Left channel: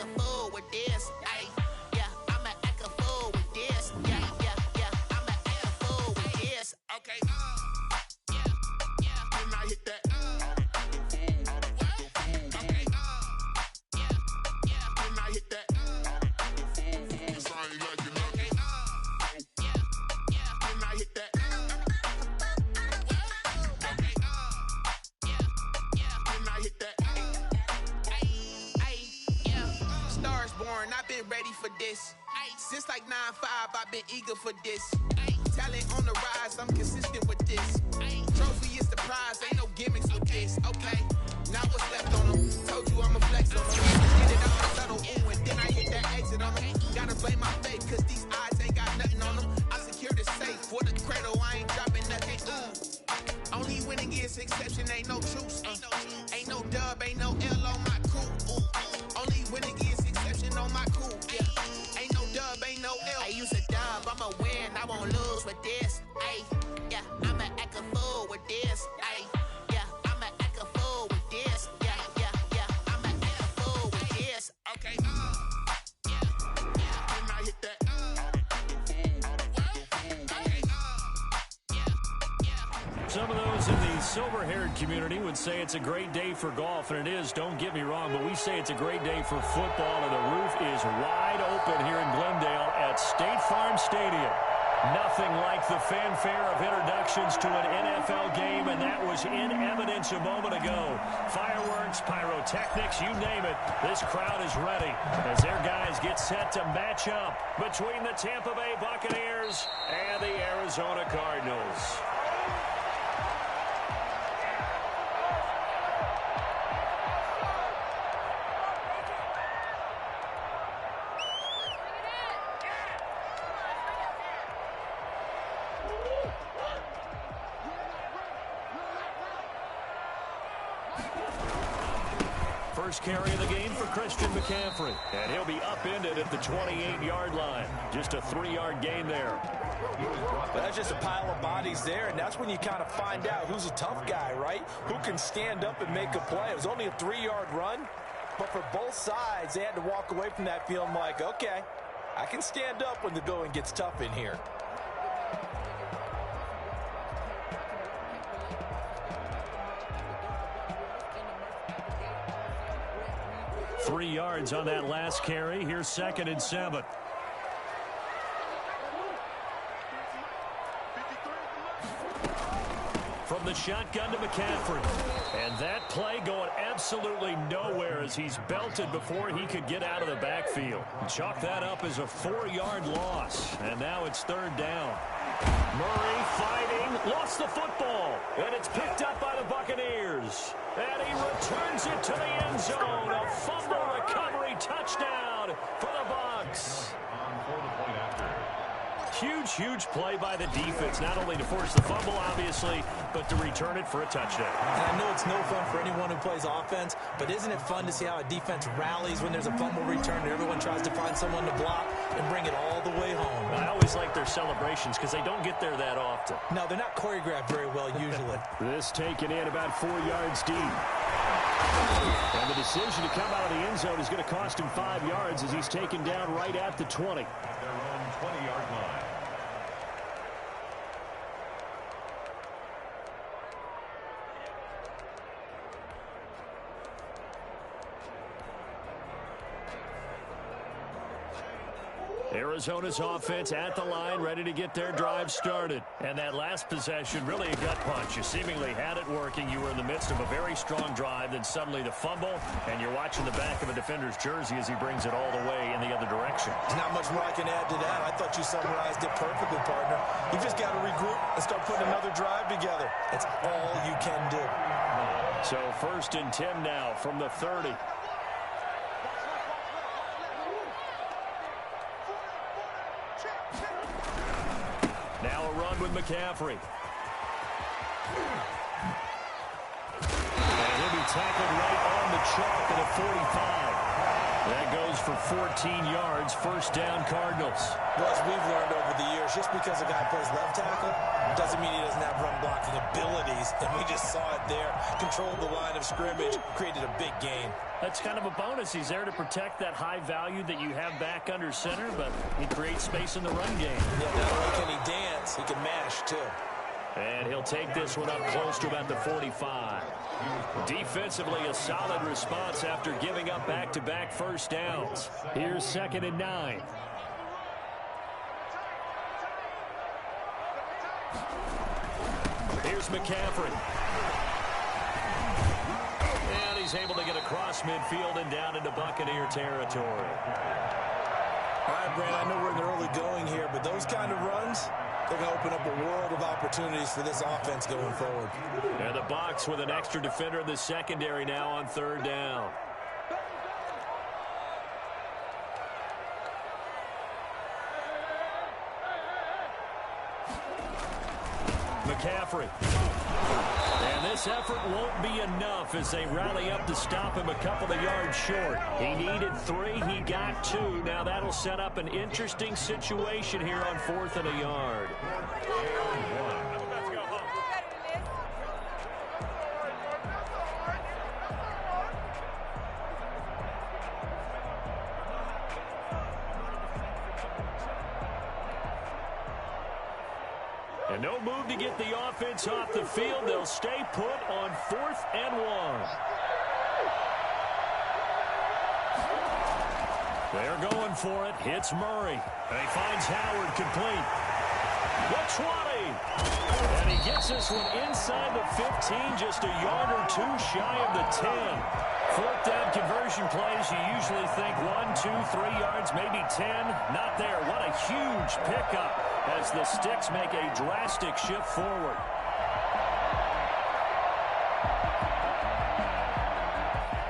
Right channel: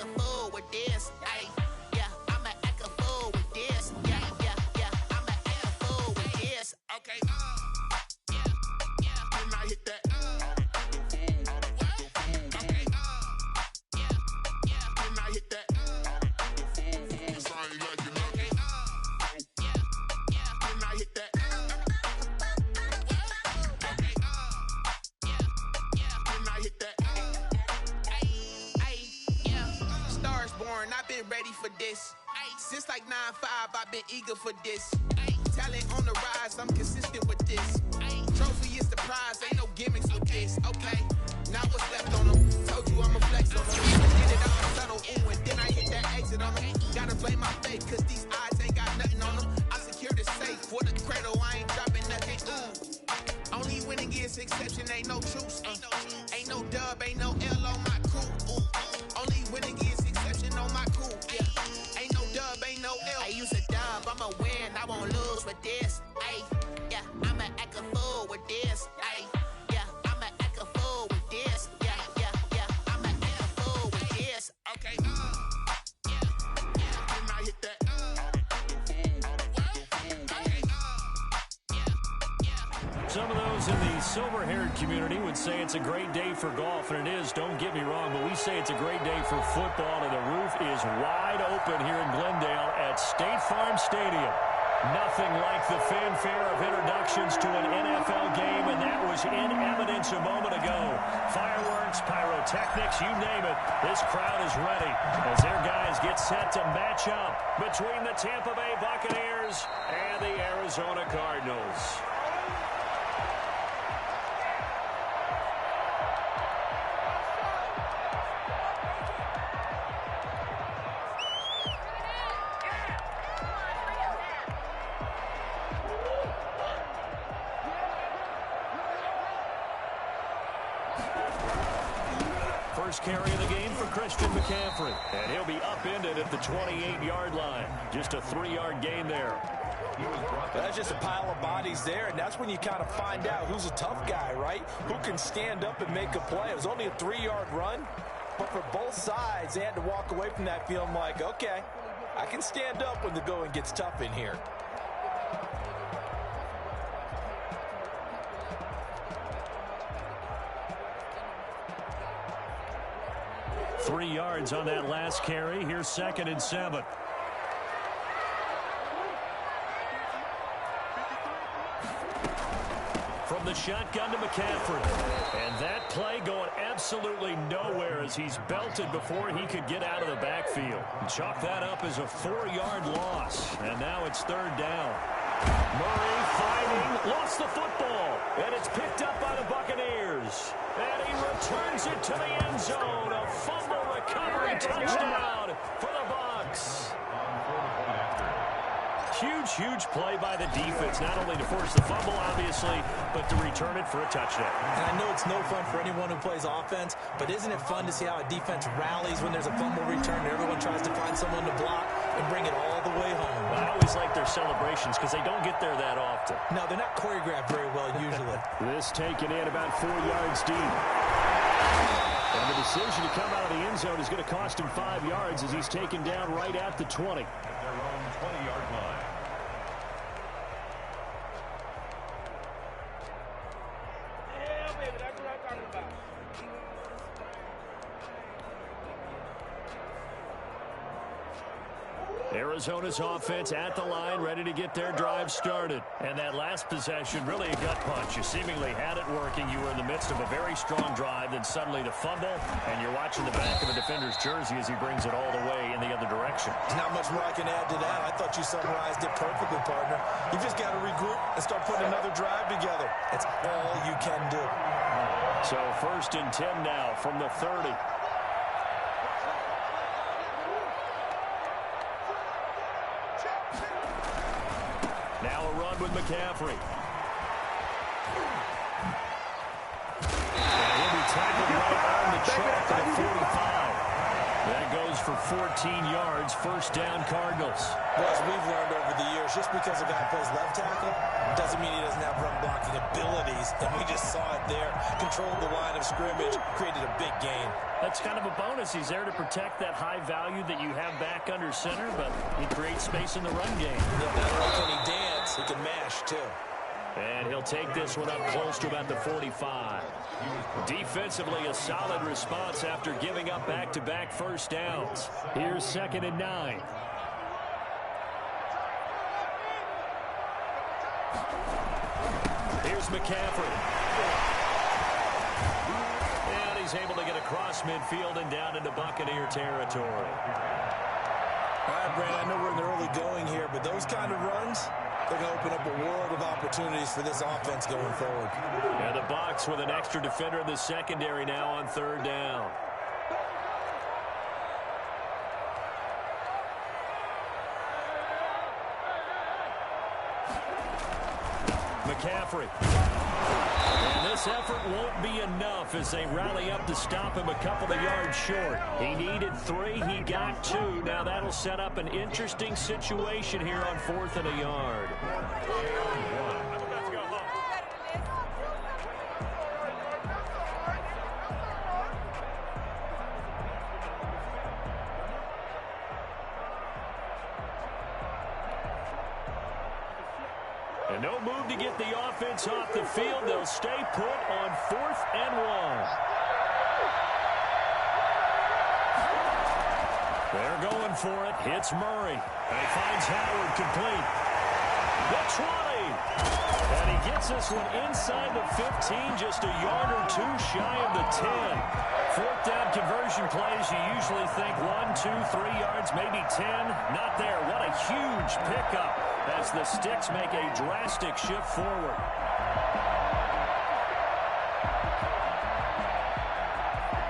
act a fool with this. Ay, yeah, I'ma act a fool with this. Yeah, I'ma act a fool with this. Okay, yeah, then I hit that. Okay, yeah, then I hit that. Cause I ain't like it. Okay, yeah, then I hit that. Okay, yeah, then I hit that. Stars born, I've been ready for this. Since like 9-5, I've been eager for this. Talent on the rise, I'm consistent with this. Trophy is the prize, ain't no gimmicks with this. Okay, now what's left on them? Told you I'ma flex on them. Get it all subtle, ooh, and then I hit that exit on them. Gotta blame my faith, cause these eyes ain't got nothing on them. I secure the safe for the cradle, I ain't dropping nothing. Ooh. Only winning is exception, ain't no truce. Ain't no dub, ain't no L on my crew. Ooh. Only winning is exception on my crew. Yeah. Ain't no dub, ain't no L. I use a dub, I'ma win, I won't lose with this. Ay, yeah, I'ma act a fool with this. Ay, yeah, I'ma act a fool with this. Yeah, I'ma act a fool with this. Okay, yeah, then I hit that. Some of those in the silver-haired community would say it's a great day for golf, and it is, don't get me wrong, but we say it's a great day for football, and the roof is wide open here in Glendale at State Farm Stadium. Nothing like the fanfare of introductions to an NFL game, and that was in evidence a moment ago. Fireworks, pyrotechnics, you name it, this crowd is ready as their guys get set to match up between the Tampa Bay Buccaneers and the Arizona Cardinals. First carry of the game for Christian McCaffrey. And he'll be upended at the 28-yard line. Just a 3-yard gain there. That's just a pile of bodies there, and that's when you kind of find out who's a tough guy, right? Who can stand up and make a play. It was only a 3-yard run, but for both sides, they had to walk away from that feeling like, okay, I can stand up when the going gets tough in here. 3 yards on that last carry. Here's 2nd and 7. From the shotgun to McCaffrey. And that play going absolutely nowhere as he's belted before he could get out of the backfield. Chalk that up as a 4-yard loss. And now it's 3rd down. Murray fighting, lost the football, and it's picked up by the Buccaneers. And he returns it to the end zone. A fumble recovery touchdown for the Bucs. Huge play by the defense, not only to force the fumble, obviously, but to return it for a touchdown. And I know it's no fun for anyone who plays offense, but isn't it fun to see how a defense rallies when there's a fumble return and everyone tries to find someone to block and bring it all the way home? I always like their celebrations because they don't get there that often. No, they're not choreographed very well usually. This taken in about 4 yards deep. And the decision to come out of the end zone is going to cost him 5 yards as he's taken down right at the 20. At their own 20-yard line. Arizona's offense at the line, ready to get their drive started. And that last possession, really a gut punch. You seemingly had it working. You were in the midst of a very strong drive, then suddenly the fumble, and you're watching the back of a defender's jersey as he brings it all the way in the other direction. There's not much more I can add to that. I thought you summarized it perfectly, partner. You just got to regroup and start putting another drive together. It's all you can do. So 1st and 10 now from the 30. Now a run with McCaffrey. And he'll be tackled right on the chalk at a 45. That goes for 14 yards, first down Cardinals. Well, as we've learned over the years, just because a guy plays left tackle doesn't mean he doesn't have run blocking abilities, and we just saw it there. Controlled the line of scrimmage, created a big gain. That's kind of a bonus. He's there to protect that high value that you have back under center, but he creates space in the run game. Yeah, not only can he dance, he can mash, too. And he'll take this one up close to about the 45. Defensively, a solid response after giving up back-to-back first downs. Here's 2nd and 9. Here's McCaffrey. And he's able to get across midfield and down into Buccaneer territory. All right, Brand, I know we're in the early going here, but those kind of runs, they're going to open up a world of opportunities for this offense going forward. And the Bucs with an extra defender in the secondary now on 3rd down. McCaffrey. And this effort won't be enough as they rally up to stop him a couple of yards short. He needed 3, he got 2. Now that'll set up an interesting situation here on 4th and a yard. And no move to get the offense off the field. They'll stay put on 4th and 1. They're going for it. Hits Murray. And he finds Howard complete. The 20. And he gets this one inside the 15, just a yard or 2 shy of the 10. 4th down conversion plays, you usually think 1, 2, 3 yards, maybe 10. Not there. What a huge pickup as the Sticks make a drastic shift forward.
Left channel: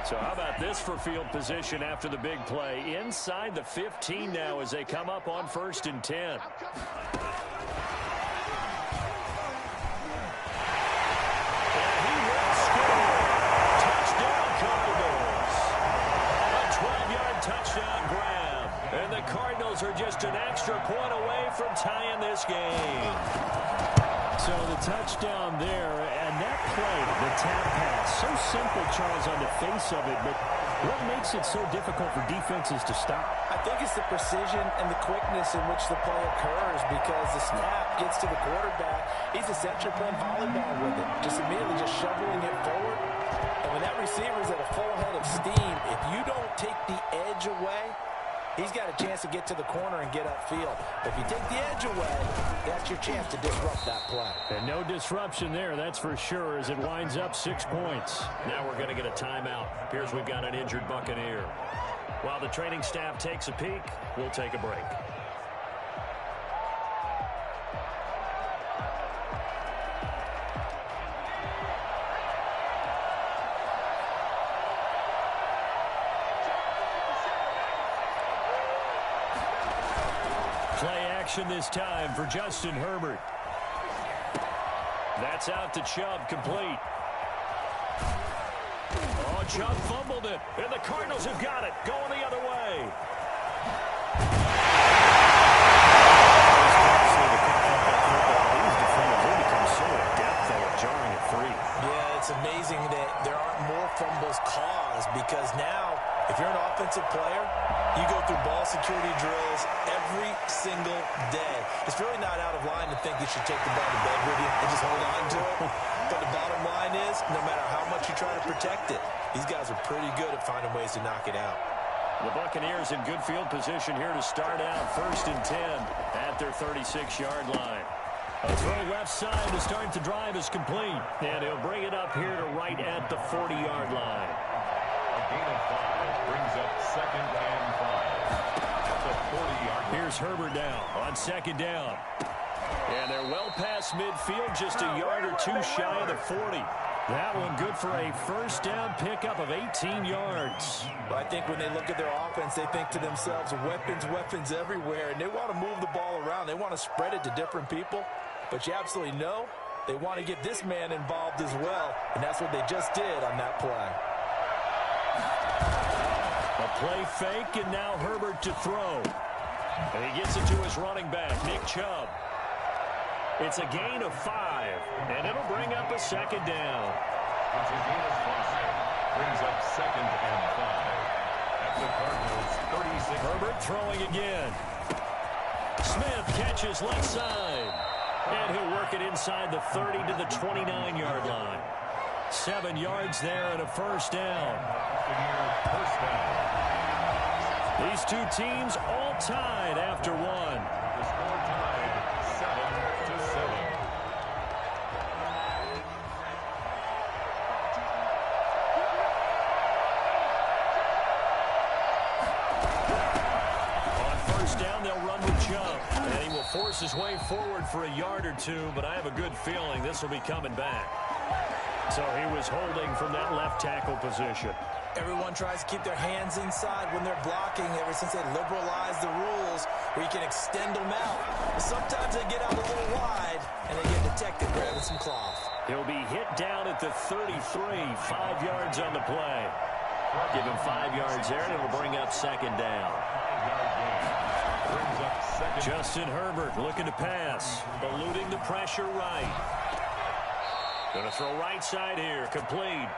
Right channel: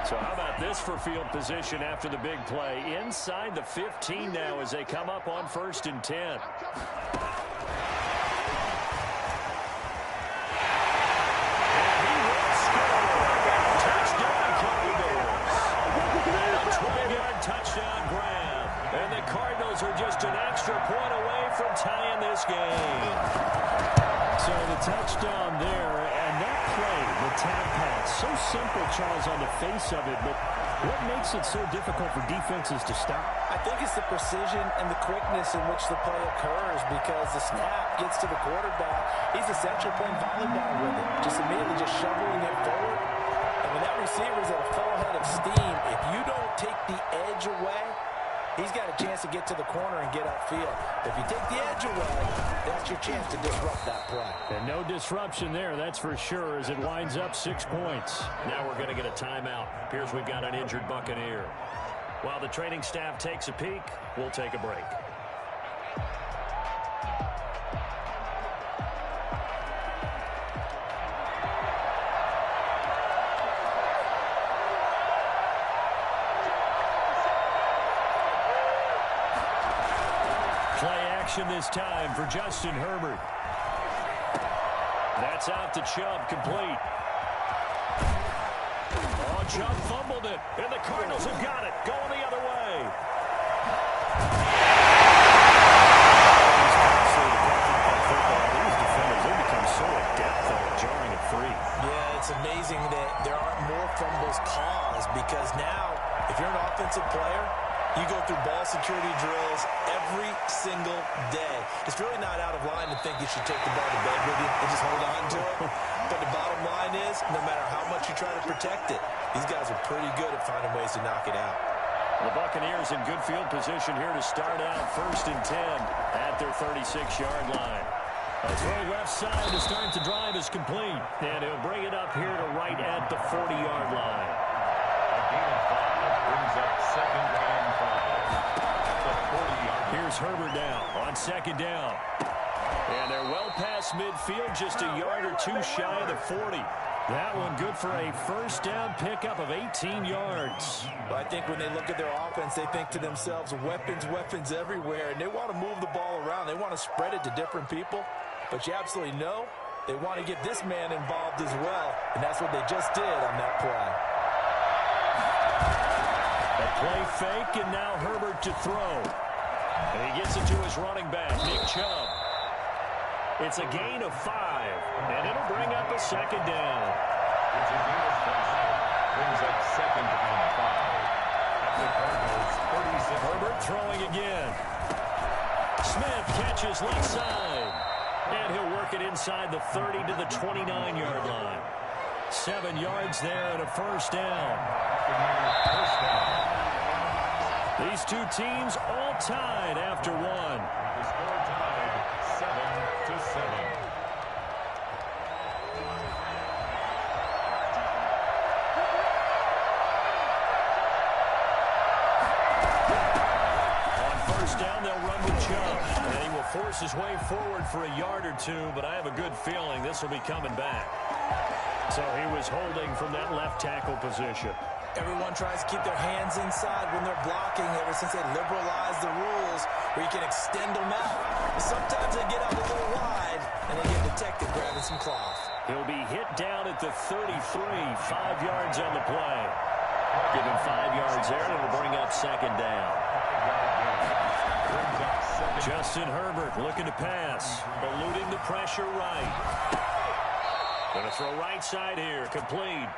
So how about this for field position after the big play? Inside the 15 now as they come up on 1st and 10. Touchdown grab. And the Cardinals are just an extra point away from tying this game. So the touchdown there, and that play, the tap pass, so simple, Charles, on the face of it, but what makes it so difficult for defenses to stop? I think it's the precision and the quickness in which the play occurs because the snap gets to the quarterback. He's essentially playing volleyball with it, just immediately just shoveling it forward. And when that receiver is at a full head of steam, if you don't take the edge away, he's got a chance to get to the corner and get upfield. If you take the edge away, that's your chance to disrupt that play. And no disruption there, that's for sure, as it winds up 6 points. Now we're going to get a timeout. Appears we've got an injured Buccaneer. While the training staff takes a peek, we'll take a break. Play action this time for Justin Herbert. That's out to Chubb, complete. Oh, Chubb fumbled it, and the Cardinals have got it, going the other way. These defenders, they become so adept, though, at jarring it free. Yeah, it's amazing that there aren't more fumbles caused because now, if you're an offensive player, you go through ball security drills every single day. It's really not out of line to think you should take the ball to bed with you and just hold on to it. But the bottom line is, no matter how much you try to protect it, these guys are pretty good at finding ways to knock it out. The Buccaneers in good field position here to start out 1st and 10 at their 36-yard line. A throw left side to start the drive is complete. And he'll bring it up here to right at the 40-yard line. A gain of 5 brings up 2nd and 5 at the 40-yard line. Here's Herbert now on 2nd down. And they're well past midfield, just a yard or 2 shy of the 40. That one good for a first down pickup of 18 yards. Well, I think when they look at their offense, they think to themselves, weapons everywhere, and they want to move the ball around. They want to spread it to different people. But you absolutely know they want to get this man involved as well, and that's what they just did on that play. A Play fake, and now Herbert to throw. And he gets it to his running back, Nick Chubb. It's a gain of 5, and it'll bring up a second down. It's a gain of 5. Brings up 2nd and 5. At the Cardinals' 36. Herbert throwing again. Smith catches left side. And he'll work it inside the 30 to the 29-yard line. 7 yards there and a first down. First down. These two teams all tied after one. The score tied 7-7. On first down, they'll run with Chubb. And he will force his way forward for a yard or two, but I have a good feeling this will be coming back. So he was holding from that left tackle position. Everyone tries to keep their hands inside when they're blocking ever since they liberalized the rules where you can extend them out. But sometimes they get out a little wide and they get detected grabbing some cloth. He'll be hit down at the 33, 5 yards on the play. Give him 5 yards there, and it'll bring up second down. 5-yard gain. Brings up second. Justin Herbert looking to pass, eluding the pressure right. Going to throw right side here, complete.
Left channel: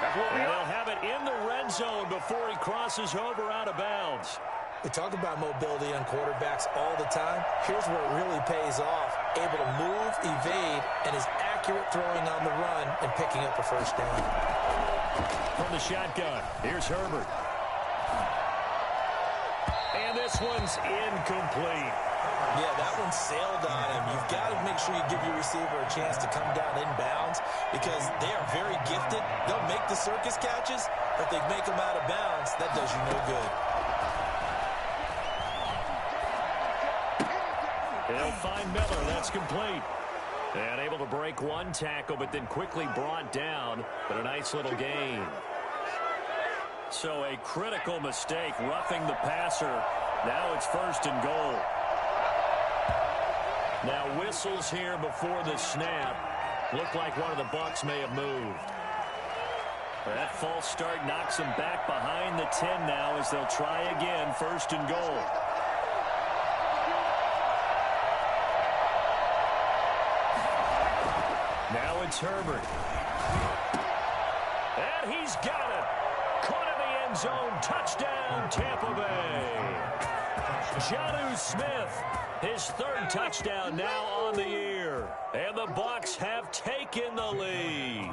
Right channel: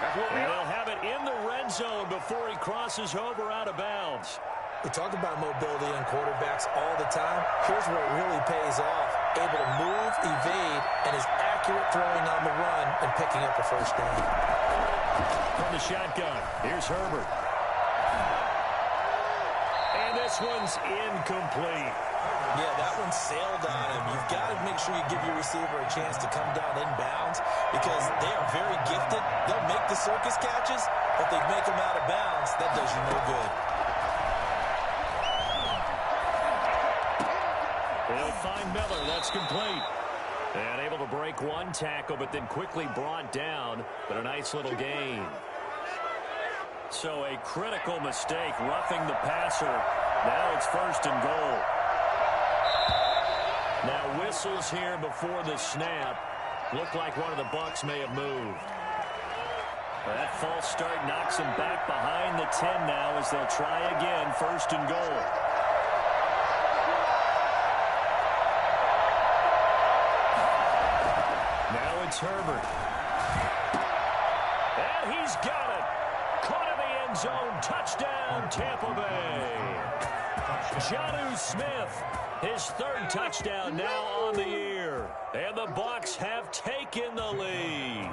And they'll have it in the red zone before he crosses over out of bounds. We talk about mobility on quarterbacks all the time. Here's where it really pays off. Able to move, evade, and is accurate throwing on the run and picking up a first down. From the shotgun, here's Herbert. And this one's incomplete. Yeah, that one sailed on him. You've got to make sure you give your receiver a chance to come down inbounds because they are very gifted. They'll make the circus catches, but if they make them out of bounds, that does you no good. He'll find Miller. That's complete. And able to break one tackle, but then quickly brought down. But a nice little gain. So a critical mistake, roughing the passer. Now it's first and goal. Now whistles here before the snap. Looked like one of the Bucs may have moved. That false start knocks them back behind the 10 now as they'll try again, first and goal. Now it's Herbert. And he's got it. Caught in the end zone. Touchdown, Tampa Bay. Jonnu Smith, his third touchdown now on the year. And the Bucs have taken the lead.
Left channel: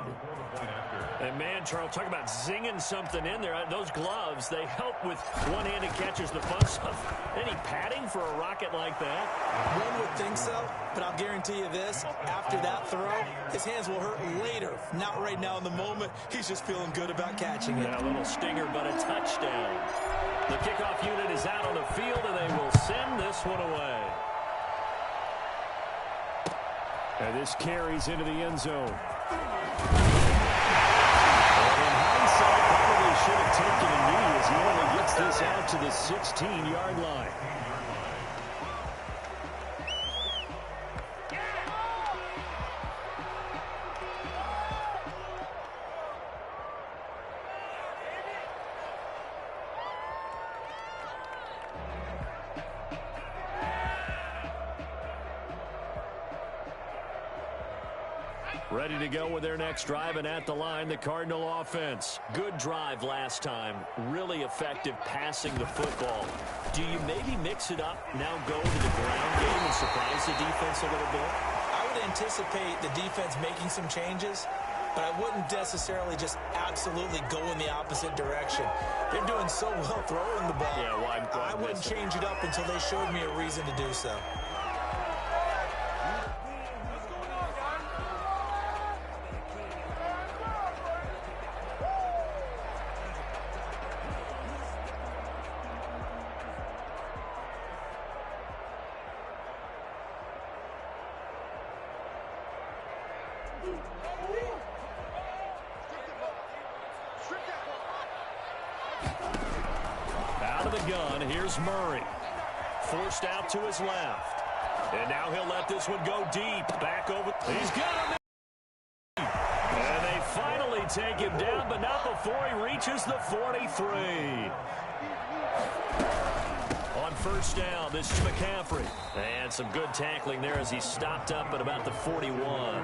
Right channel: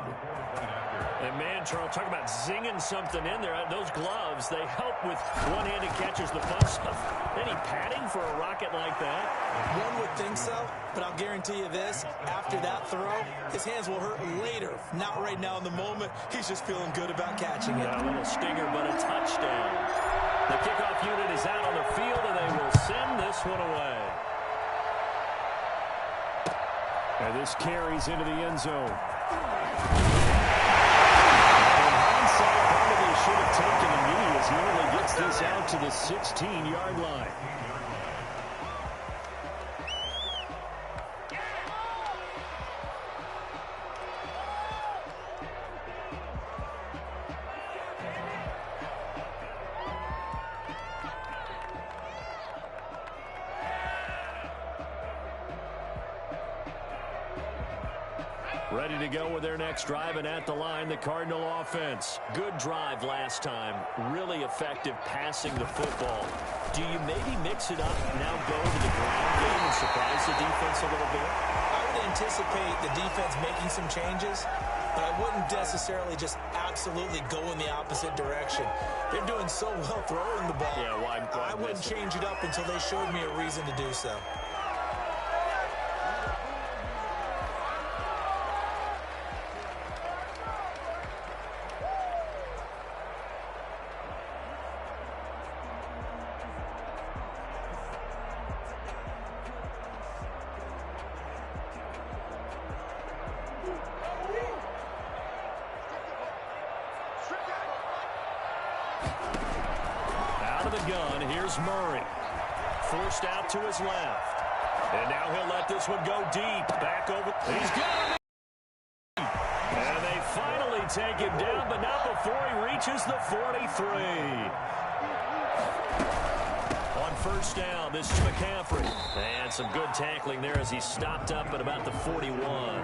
And man, Charles, talk about zinging something in there. Those gloves, they help with one-handed catches, the fun stuff. Any padding for a rocket like that? One would think so, but I'll guarantee you this. After that throw, his hands will hurt later. Not right now in the moment. He's just feeling good about catching it. Yeah, a little stinger, but a touchdown. The kickoff unit is out on the field, and they will send this one away. And this carries into the end zone. And in hindsight, probably should have taken a knee as he only gets this out to the 16-yard line. Ready to go with their next drive, and at the line, the Cardinal offense. Good drive last time. Really effective passing the football. Do you maybe mix it up, now go to the ground game and surprise the defense a little bit? I would anticipate the defense making some changes, but I wouldn't necessarily just absolutely go in the opposite direction. They're doing so well throwing the ball. Yeah, why I wouldn't change it up until they showed me a reason to do so. Out of the gun, here's Murray. Forced out to his left. And now he'll let this one go deep. Back over. He's got him. And they finally take him down, but not before he reaches the 43. first down. This is McCaffrey. And some good tackling there as he stopped up at about the 41.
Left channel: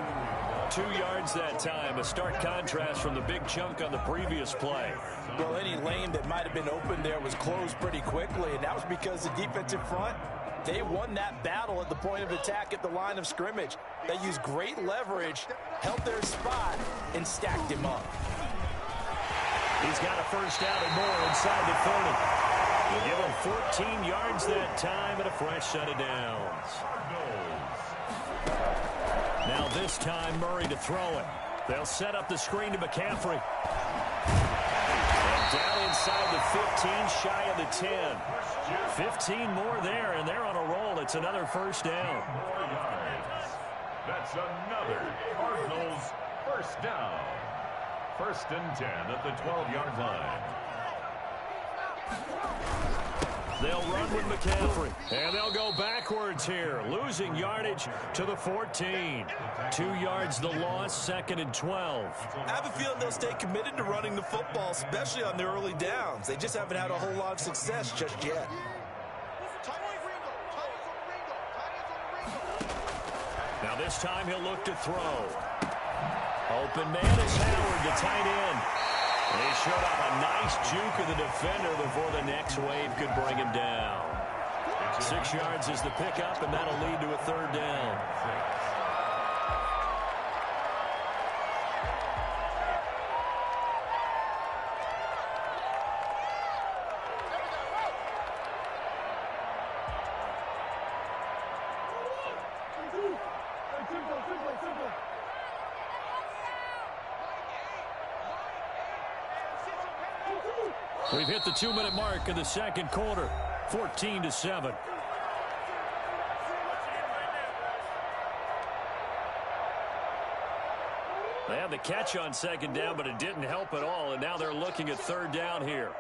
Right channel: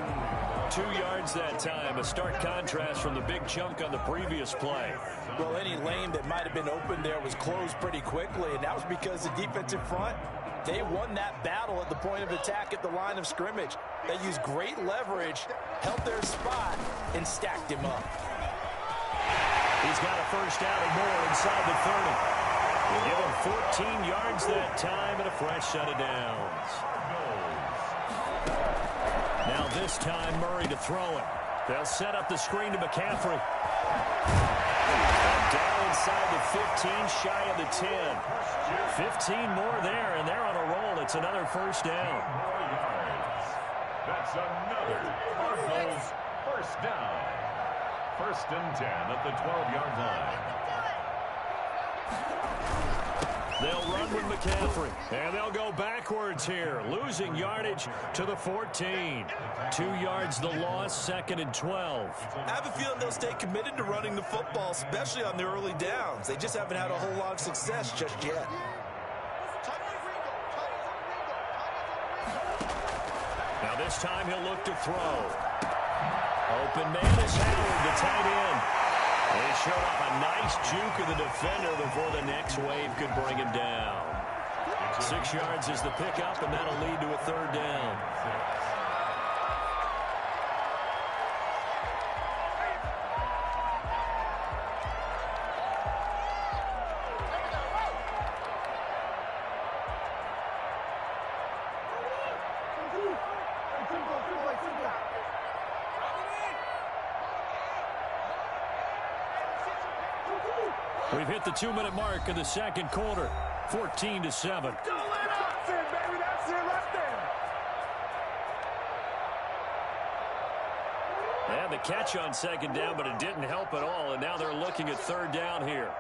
2 yards that time. A stark contrast from the big chunk on the previous play. Well, any lane that might have been open there was closed pretty quickly, and that was because the defensive front, they won that battle at the point of attack at the line of scrimmage. They used great leverage, held their spot, and stacked him up. He's got a first down and more inside the 30. We'll give him 14 yards that time and a fresh set of downs. Now this time Murray to throw it. They'll set up the screen to McCaffrey. And down inside the 15, shy of the 10. 15 more there, and they're on a roll. It's another first down. More yards. That's another Cardinals first down. 1st and 10 at the 12-yard line. They'll run with McCaffrey, and they'll go backwards here, losing yardage to the 14. 2 yards the loss, 2nd and 12. I have a feeling they'll stay committed to running the football, especially on the early downs. They just haven't had a whole lot of success just yet. Now this time he'll look to throw. Open man is Howard, the tight end. They showed off a nice juke of the defender before the next wave could bring him down. 6 yards is the pickup, and that'll lead to a 3rd down. We've hit the 2-minute mark of the 2nd quarter, 14-7. They had the catch on 2nd down, but it didn't help at all, and now they're looking at 3rd down here.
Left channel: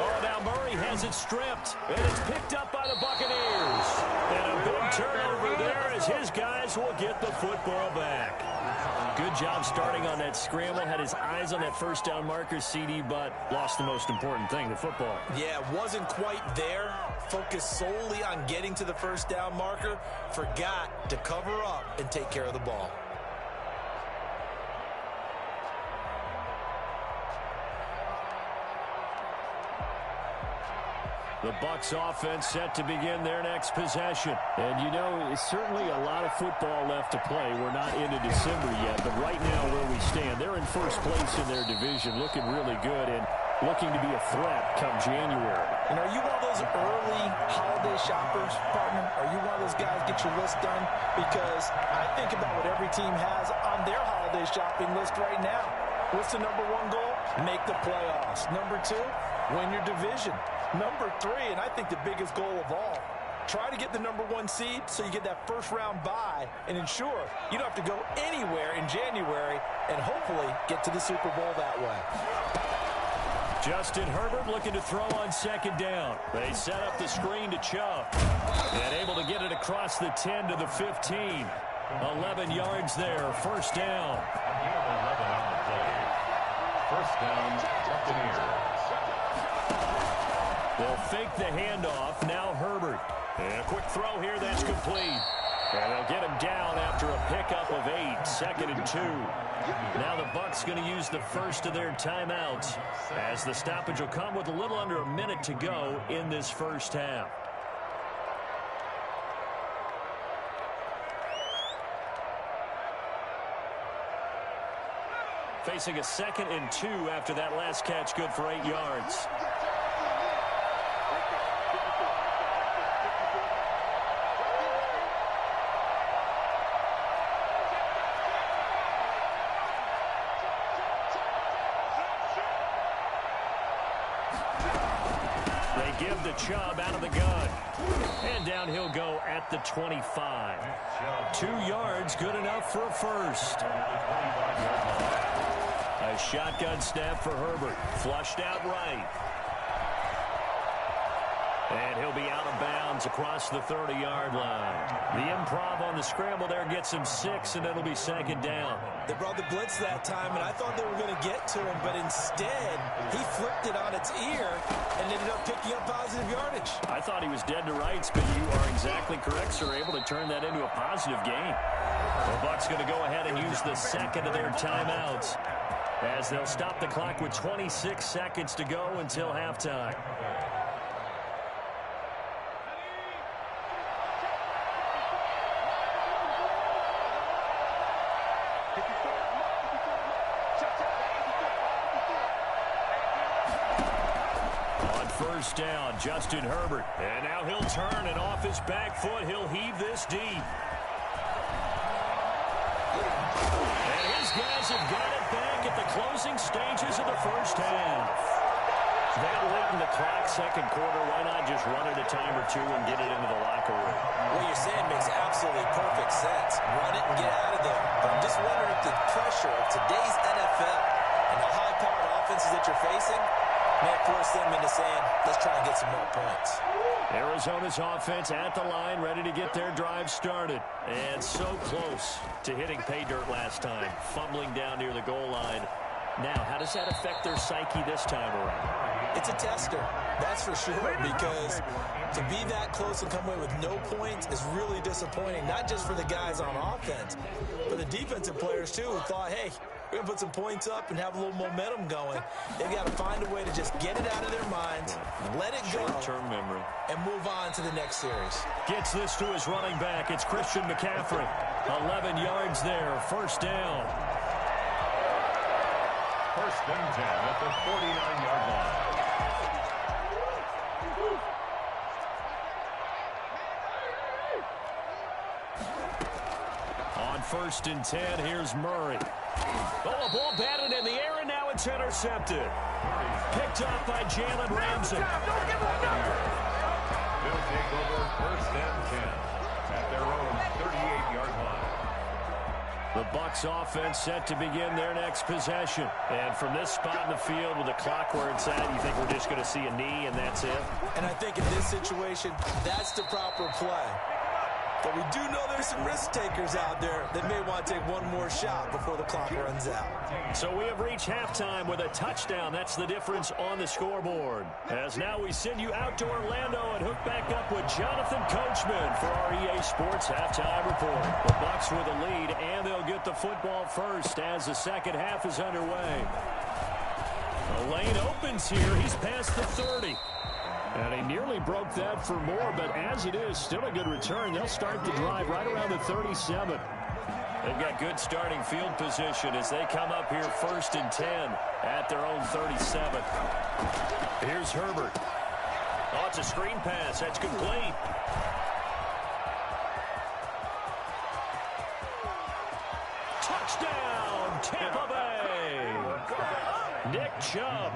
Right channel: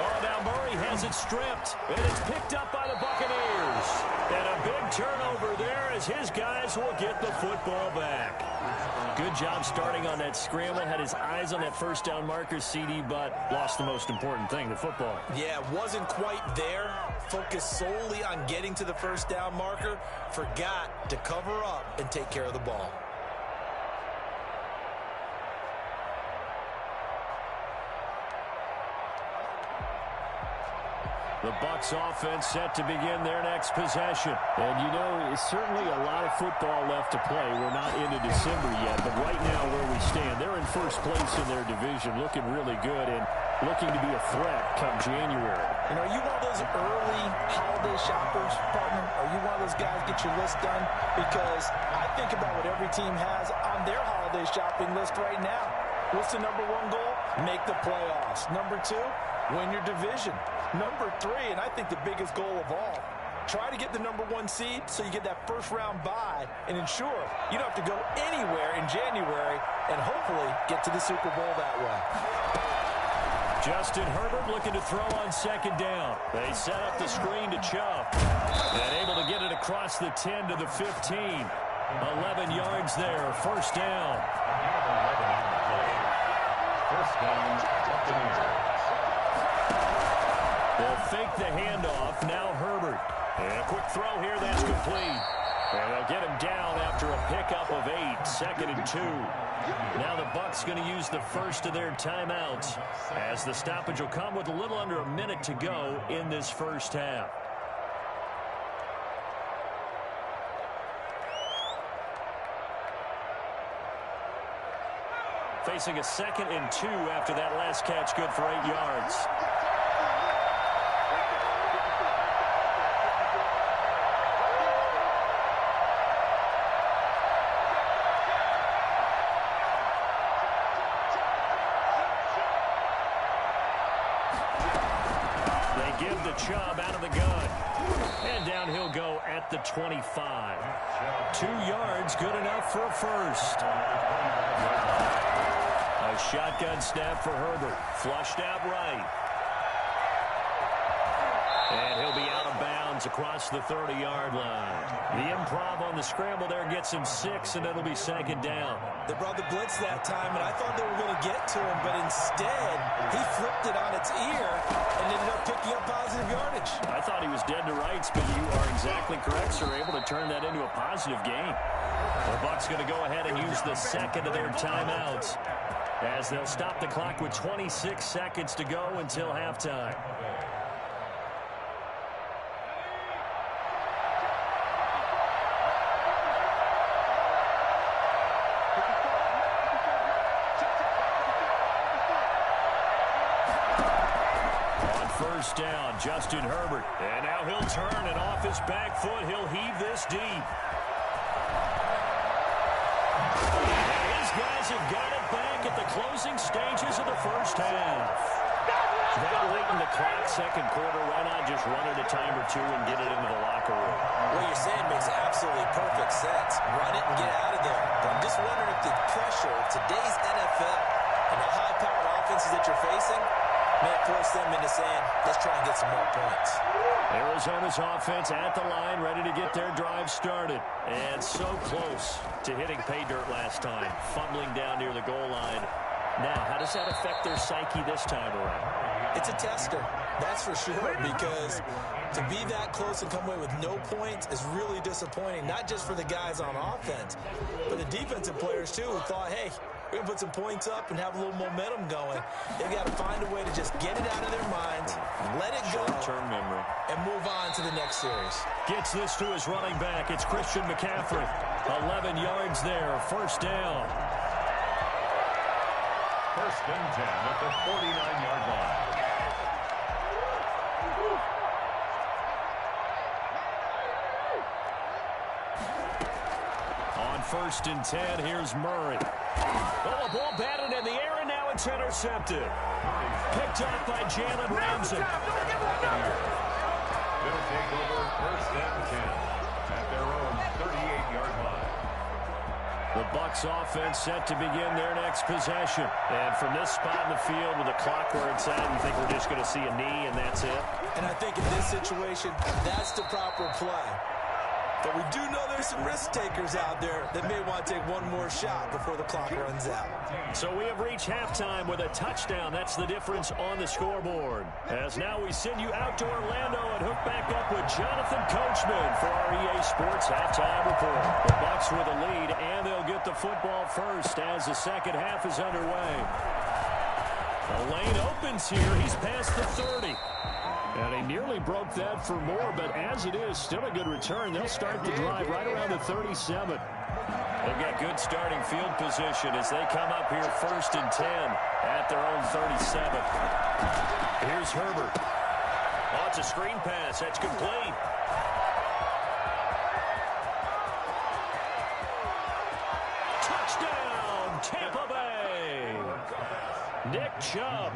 Oh, now Murray has it stripped, and it's picked up by the Buccaneers. And a big turnover there as his guys will get the football back. Good job starting on that scramble. Had his eyes on that first down marker, CD, but lost the most important thing, the football. Yeah, wasn't quite there. Focused solely on getting to the first down marker. Forgot to cover up and take care of the ball. The Bucs offense set to begin their next possession. And, you know, it's certainly a lot of football left to play. We're not into December yet, but right now where we stand, they're in first place in their division, looking really good and looking to be a threat come January. And are you one of those early holiday shoppers, partner? Are you one of those guys get your list done? Because I think about what every team has on their holiday shopping list right now. What's the number 1 goal? Make the playoffs. Number 2, win your division. Number 3, and I think the biggest goal of all, try to get the number 1 seed so you get that first-round bye and ensure you don't have to go anywhere in January and hopefully get to the Super Bowl that way. Justin Herbert looking to throw on 2nd down. They set up the screen to Chubb. And able to get it across the 10 to the 15. 11 yards there, first down. Again, 11 on the play. First down, Buccaneers. They'll fake the handoff. Now Herbert. And a quick throw here. That's complete. And they'll get him down after a pickup of 8. 2nd and 2. Now the Bucs going to use the first of their timeouts as the stoppage will come with a little under a minute to go in this first half. Facing a 2nd and 2 after that last catch, good for 8 yards. They give the Chubb out of the gun. And down he'll go at the 25. 2 yards, good enough for a first. A shotgun snap for Herbert. Flushed out right. And he'll be out of bounds across the 30-yard line. The improv on the scramble there, gets him 6, and it'll be second down. They brought the blitz that time, and I thought they were going to get to him, but instead, he flipped it on its ear and ended up picking up positive yardage. I thought he was dead to rights, but you are exactly correct, sir. Able to turn that into a positive gain. The Bucs going to go ahead and use the second of their timeouts as they'll stop the clock with 26 seconds to go until halftime. First down, Justin Herbert. And now he'll turn, and off his back foot, he'll heave this deep. And his guys have got it back at the closing stages of the first half. That late in the clock, second quarter, why not just run it a time or two and get it into the locker room? What you're saying makes absolutely perfect sense. Run it and get out of there. But I'm just wondering if the pressure of today's NFL and the high-powered offenses that you're facing may force them into saying, let's try and get some more points. Arizona's offense at the line, ready to get their drive started. And so close to hitting pay dirt last time, fumbling down near the goal line. Now, how does that affect their psyche this time around? It's a tester, that's for sure, because to be that close and come away with no points is really disappointing, not just for the guys on offense, but the defensive players, too, who thought, hey, we're going to put some points up and have a little momentum going. They've got to find a way to just get it out of their minds, let it go, short-term memory, and move on to the next series. Gets this to his running back. It's Christian McCaffrey. 11 yards there, first down. First and 10 at the 49-yard line. On first and 10, here's Murray. Oh, a ball batted in the air, and now it's intercepted. Picked up by Jalen Ramsey. They'll take over first and 10 at their own 38-yard line. The Bucs offense set to begin their next possession. And from this spot in the field with the clock where it's at, you think we're just going to see a knee and that's it? And I think in this situation, that's the proper play. But we do know there's some risk takers out there that may want to take one more shot before the clock runs out. So we have reached halftime with a touchdown. That's the difference on the scoreboard. As now we send you out to Orlando and hook back up with Jonathan Coachman for our EA Sports Halftime Report. The Bucs with a lead, and they'll get the football first as the second half is underway. The lane opens here. He's past the 30. And he nearly broke that for more, but as it is, still a good return. They'll start the drive right around the 37. They've got good starting field position as they come up here first and 10 at their own 37. Here's Herbert. Oh, it's a screen pass. That's complete. Touchdown, Tampa Bay. Nick Chubb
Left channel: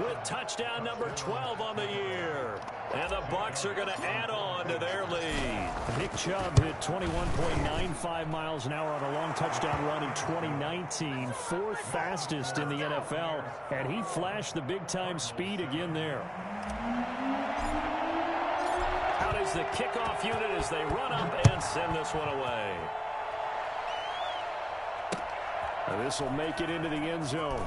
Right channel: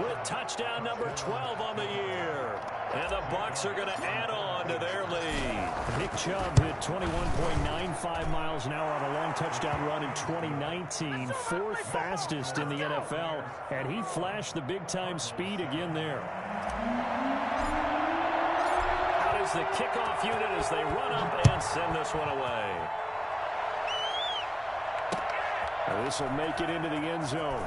with touchdown number 12 on the year. And the Bucs are going to add on to their lead. Nick Chubb hit 21.95 miles an hour on a long touchdown run in 2019, fourth fastest in the NFL, and he flashed the big-time speed again there. Out is the kickoff unit as they run up and send this one away. This will make it into the end zone.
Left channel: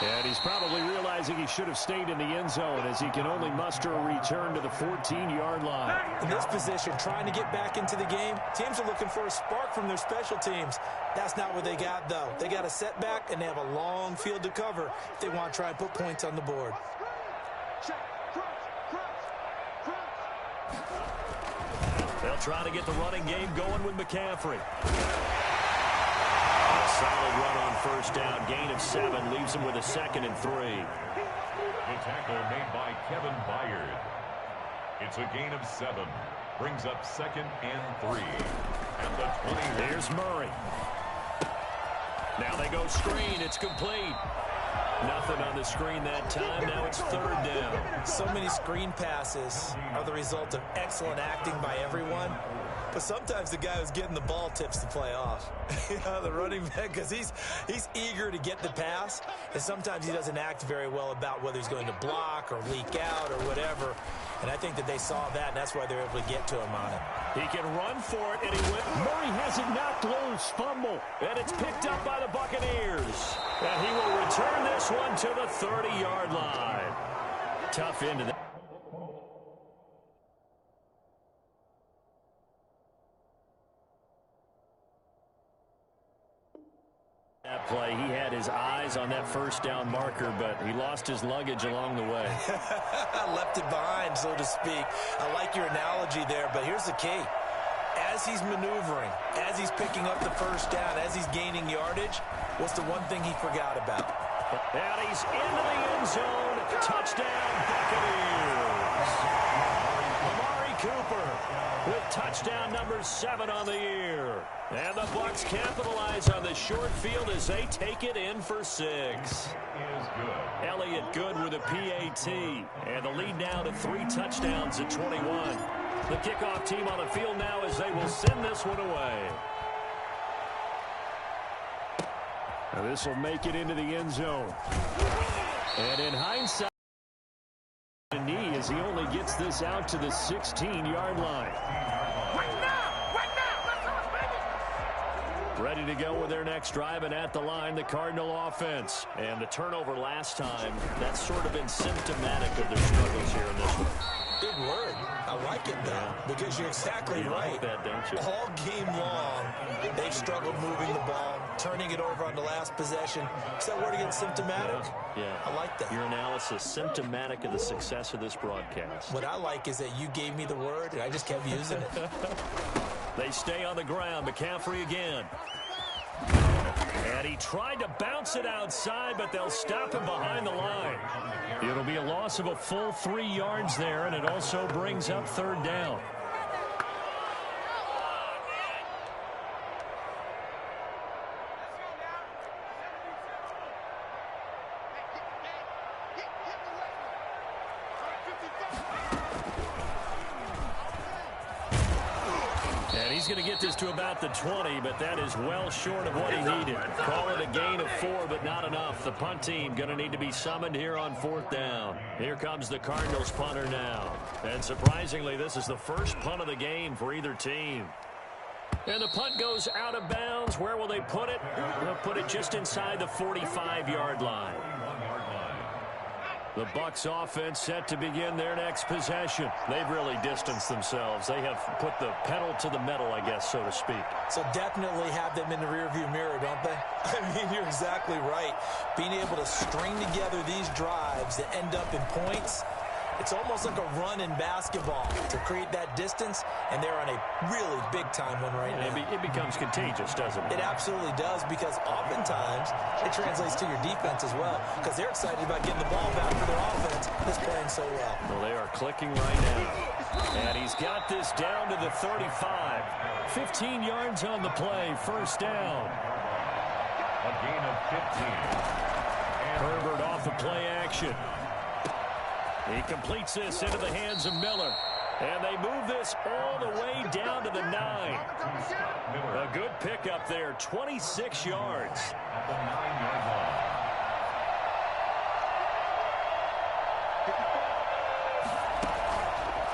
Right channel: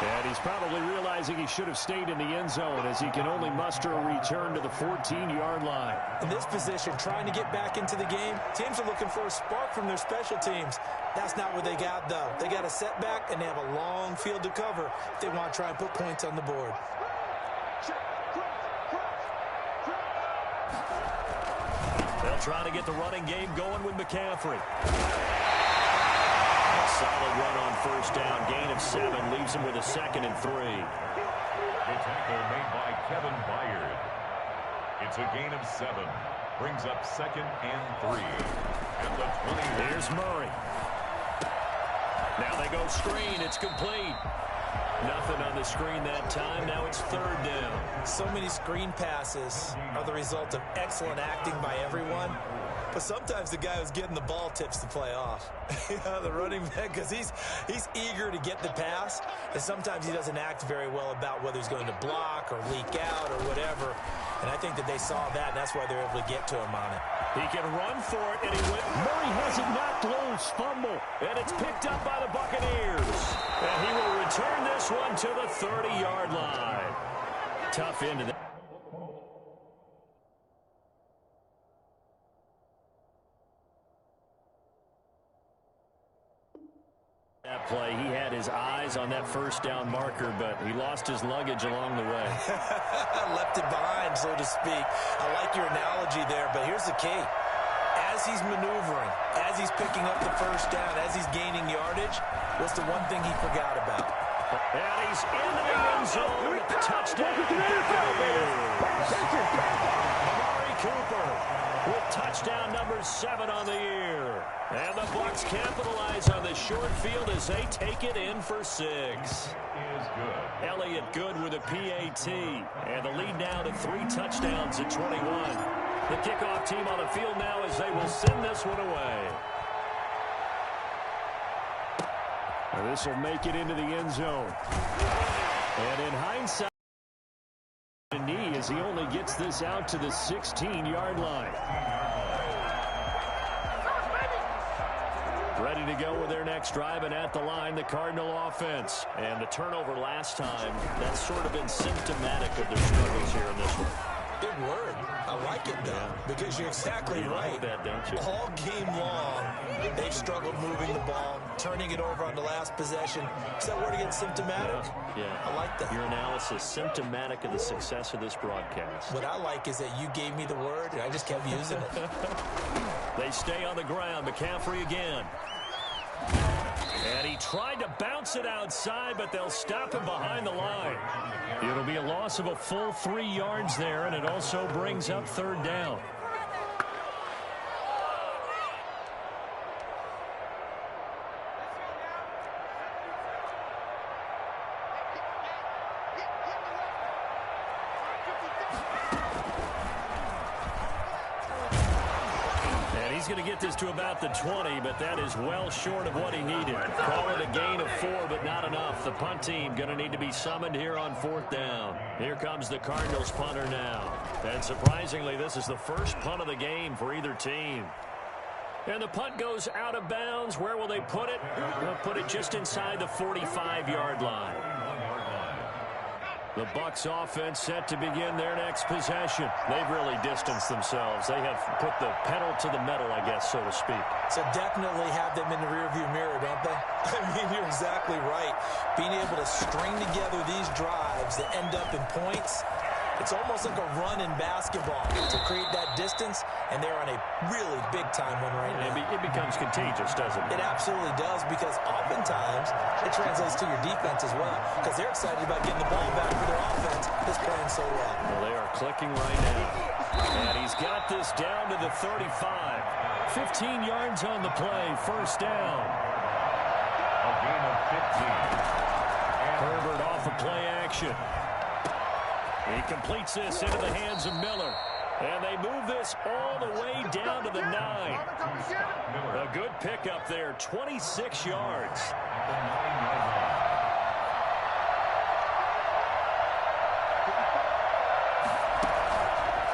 And he's probably realizing he should have stayed in the end zone as he can only muster a return to the 14-yard line. In this position, trying to get back into the game, teams are looking for a spark from their special teams. That's not what they got, though. They got a setback, and they have a long field to cover if they want to try and put points on the board. They'll try to get the running game going with McCaffrey. A solid run on first down. Gain of 7 leaves him with a 2nd and 3. The tackle made by Kevin Byard. It's a gain of 7. Brings up 2nd and 3 at the 20. Here's Murray. Now they go screen. It's complete. Nothing on the screen that time. Now it's 3rd down. So many screen passes are the result of excellent acting by everyone. But sometimes the guy who's getting the ball tips the play off. Yeah, the running back, because he's eager to get the pass, and sometimes he doesn't act very well about whether he's going to block or leak out or whatever. And I think that they saw that, and that's why they're able to get to him on it. He can run for it, and he went. Murray has it knocked loose, fumble, and it's picked up by the Buccaneers. And he will return this one to the 30-yard line. Tough into that. That play, he had his eyes on that first down marker, but he lost his luggage along the way. Left it behind, so to speak. I like your analogy there, but here's the key. As he's maneuvering, as he's picking up the first down, as he's gaining yardage, what's the one thing he forgot about? And he's into the end zone. Touchdown, Buccaneers. Amari Cooper with touchdown number 7 on the year. And the Bucs capitalize on the short field as they take it in for 6. Is good. Elliott Good with a PAT. And the lead now to 3 touchdowns at 21. The kickoff team on the field now as they will send this one away. And this will make it into the end zone. And in hindsight, a knee as he only gets this out to the 16-yard line. Ready to go with their next drive, and at the line, the Cardinal offense. And the turnover last time, that's sort of been symptomatic of their struggles here in this one. Big word. I like it, though, because you're exactly right. Like that, don't you? All game long, they've struggled moving the ball, turning it over on the last possession. Is that word again, symptomatic? Yeah. I like that. Your analysis, symptomatic of the success of this broadcast. What I like is that you gave me the word, and I just kept using it. They stay on the ground. McCaffrey again. And he tried to bounce it outside, but they'll stop him behind the line. It'll be a loss of a full 3 yards there, and it also brings up 3rd down. He's going to get this to about the 20, but that is well short of what he needed. Call it a gain of 4, but not enough. The punt team going to need to be summoned here on 4th down. Here comes the Cardinals punter now. And surprisingly, this is the first punt of the game for either team. And the punt goes out of bounds. Where will they put it? They'll put it just inside the 45-yard line. The Bucs offense set to begin their next possession. They've really distanced themselves. They have put the pedal to the metal, I guess, so to speak. So definitely have them in the rearview mirror, don't they? I mean, you're exactly right. Being able to string together these drives that end up in points, it's almost like a run in basketball to create that distance, and they're on a really big-time one right now. It becomes contagious, doesn't it? It absolutely does, because oftentimes it translates to your defense as well, because they're excited about getting the ball back for their offense that's playing so well. Well, they are clicking right now. And he's got this down to the 35. 15 yards on the play, 1st down. A gain of 15. Herbert off of play action. He completes this into the hands of Miller. And they move this all the way down to the 9. A good pickup there, 26 yards. At the 9-yard line.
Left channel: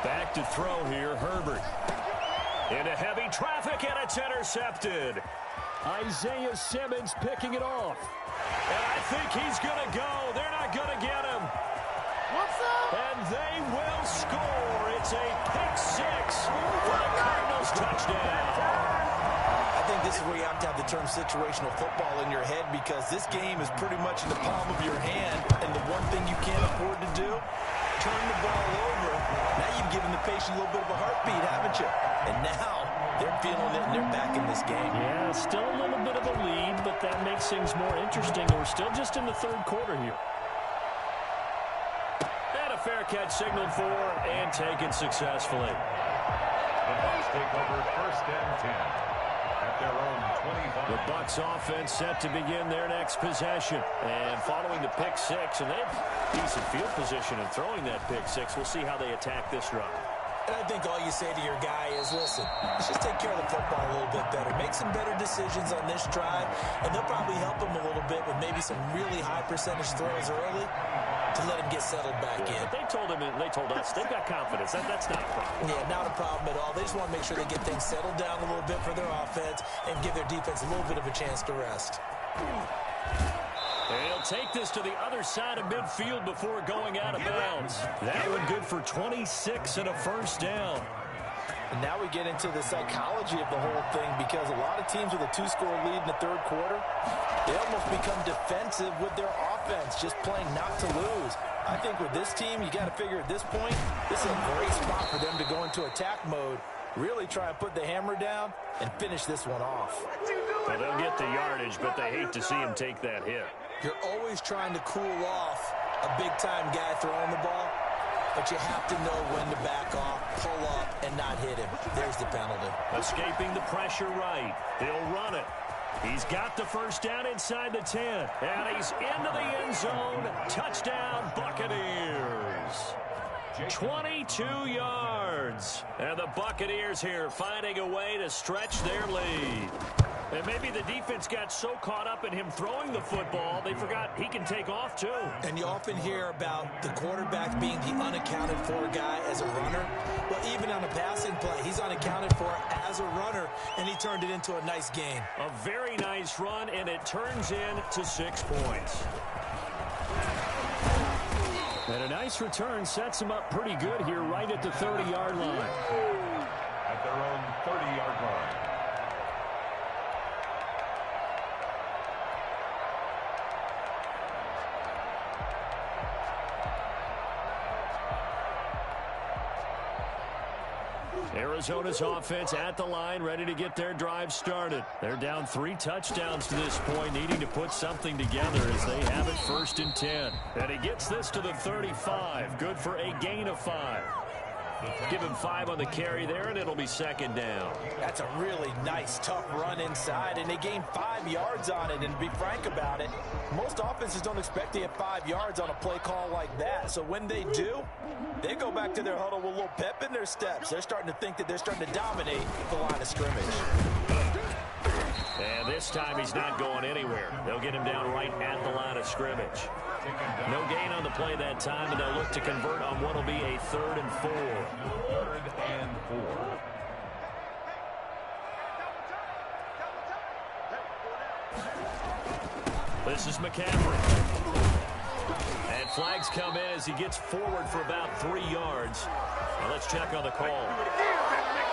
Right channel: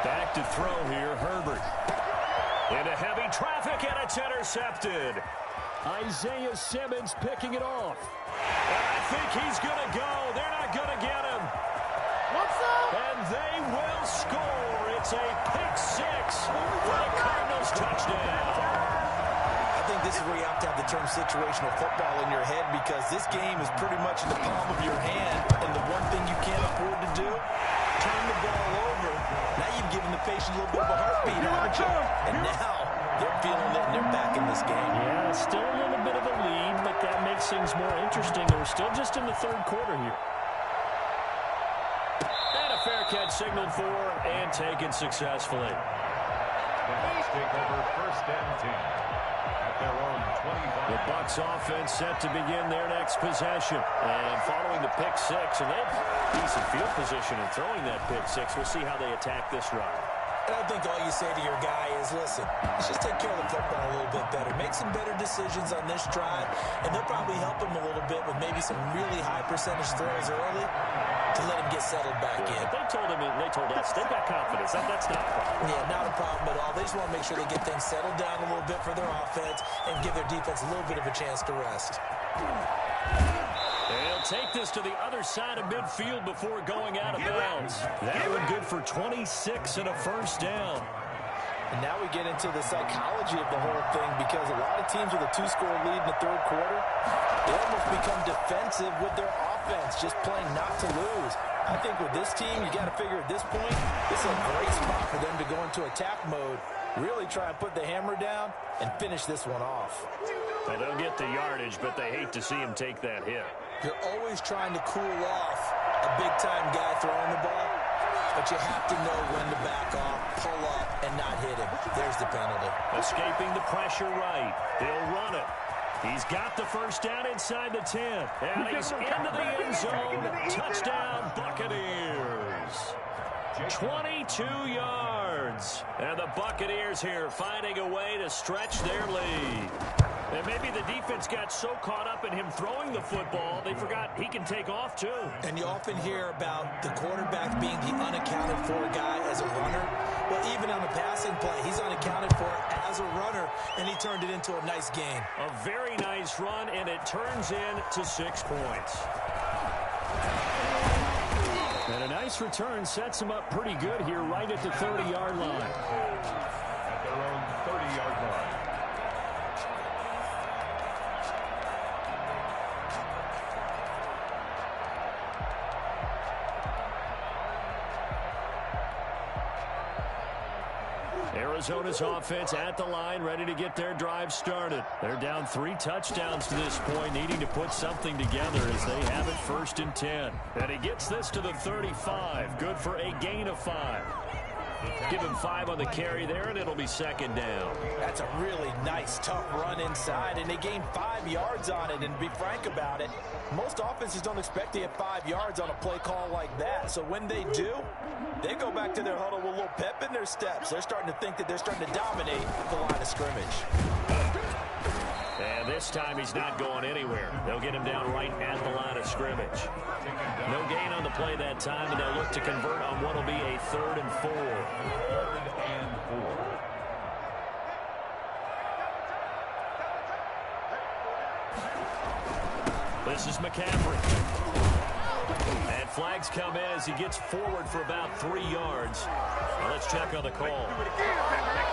Back to throw here, Herbert. Into heavy traffic, and it's intercepted. Isaiah Simmons picking it off. And I think he's going to go. They're not going to get him. And they will score. It's a pick 6 for the Cardinals touchdown. I think this is where you have to have the term situational football in your head, because this game is pretty much in the palm of your hand, and the one thing you can't afford to do, turn the ball over. Now you've given the patient a little bit of a heartbeat, haven't you? And now they're feeling it, and they're back in this game. Yeah, still a little bit of a lead, but that makes things more interesting. We're still just in the 3rd quarter here. Fair catch signaled for and taken successfully. The Bucs take over 1st and 10 at their own 25. The Bucs offense set to begin their next possession. And following the pick 6, and they have decent field position in throwing that pick 6. We'll see how they attack this drive. And I think all you say to your guy is, listen, let's just take care of the football a little bit better. Make some better decisions on this drive, and they'll probably help him a little bit with maybe some really high percentage throws early to let him get settled back in. But they told him, and they told us, they've got confidence. That's not a problem. Yeah, not a problem at all. They just want to make sure they get things settled down a little bit for their offense and give their defense a little bit of a chance to rest. They'll take this to the other side of midfield before going out of bounds. That one good for 26 and a first down. And now we get into the psychology of the whole thing, because a lot of teams with a 2-score lead in the third quarter, they almost become defensive with their offense, just playing not to lose. I think with this team, you got to figure at this point, this is a great spot for them to go into attack mode, really try and put the hammer down and finish this one off. Well, they'll get the yardage, but they hate to see him take that hit. You're always trying to cool off a big-time guy throwing the ball, but you have to know when to back off, pull up, and not hit him. There's the penalty. Escaping the pressure right. They'll run it. He's got the first down inside the 10. And he's into the end zone. Touchdown, Buccaneers. 22 yards. And the Buccaneers here finding a way to stretch their lead. And maybe the defense got so caught up in him throwing the football, they forgot he can take off too. And you often hear about the quarterback being the unaccounted for guy as a runner. Well, even on a passing play, he's unaccounted for as a runner, and he turned it into a nice gain. A very nice run, and it turns into 6 points. And a nice return sets him up pretty good here right at the 30-yard line. At their own 30-yard line. Arizona's offense at the line, ready to get their drive started. They're down 3 touchdowns to this point, needing to put something together as they have it 1st and 10. And he gets this to the 35, good for a gain of 5. Give him 5 on the carry there, and it'll be 2nd down. That's a really nice, tough run inside, and they gained 5 yards on it. And to be frank about it, most offenses don't expect to get 5 yards on a play call like that. So when they do, they go back to their huddle with a little pep in their steps. They're starting to think that they're starting to dominate the line of scrimmage. And this time he's not going anywhere. They'll get him down right at the line of scrimmage. No gain on the play that time, and they'll look to convert on what will be a 3rd and 4. 3rd and 4. This is McCaffrey. And flags come in as he gets forward for about 3 yards. Now let's check on the call.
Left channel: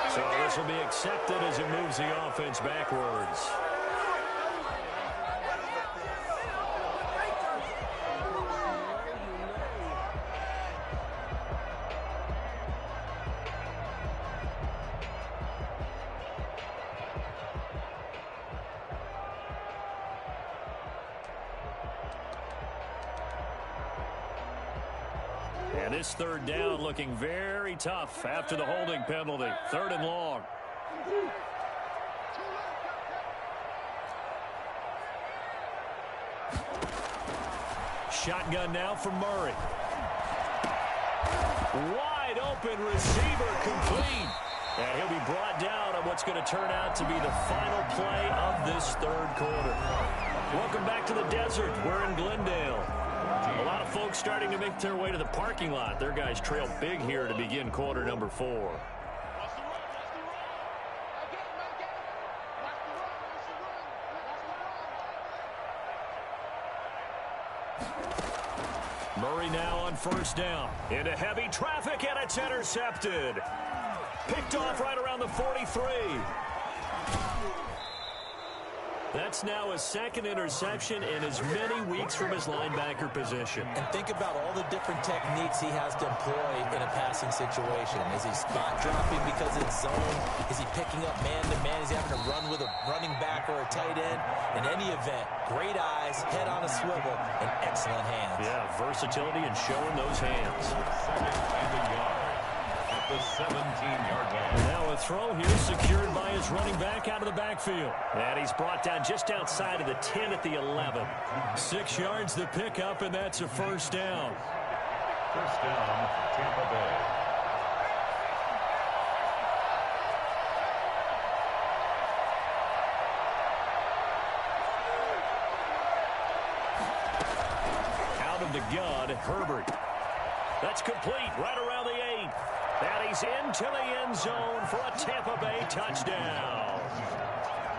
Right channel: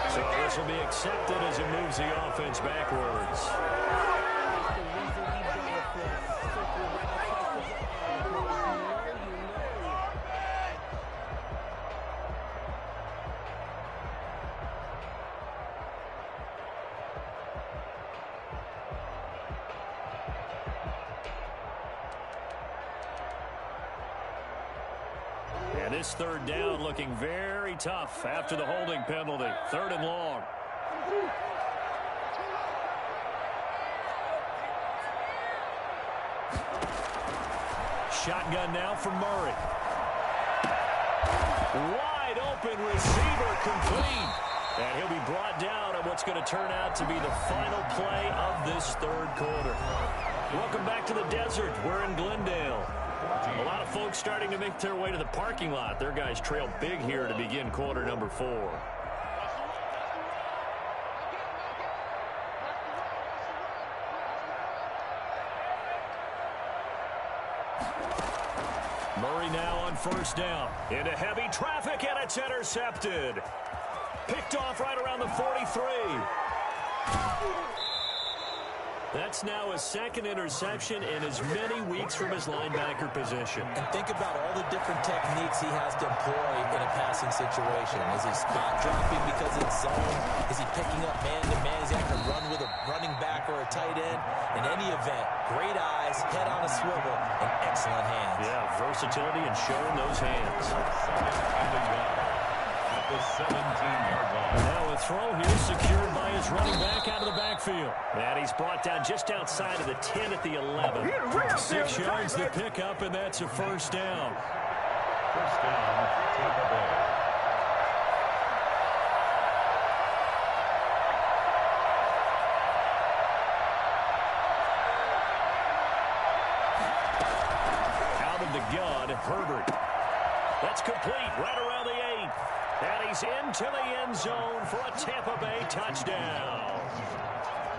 So this will be accepted as it moves the offense backwards. And this 3rd down looking very tough after the holding penalty. 3rd and long. Shotgun now for Murray. Wide open receiver complete. And he'll be brought down on what's going to turn out to be the final play of this 3rd quarter. Welcome back to the desert. We're in Glendale. A lot of folks starting to make their way to the parking lot. Their guys trail big here to begin quarter number 4. Murray now on 1st down. Into heavy traffic, and it's intercepted. Picked off right around the 43. That's now a 2nd interception in as many weeks from his linebacker position. And think about all the different techniques he has to employ in a passing situation. Is he spot dropping because it's zone? Is he picking up man-to-man? Is he having to run with a running back or a tight end? In any event, great eyes, head on a swivel, and excellent hands. Yeah, versatility and showing those hands. 2nd and a yard. At the 17-yard line. Now a throw here secured by his running back out of the backfield. And he's brought down just outside of the 10 at the 11. 6 yards to pick up, and that's a 1st down. 1st down, Tampa Bay. out of the gun, Herbert. That's complete right around the 8. And he's into the end zone for a Tampa Bay touchdown.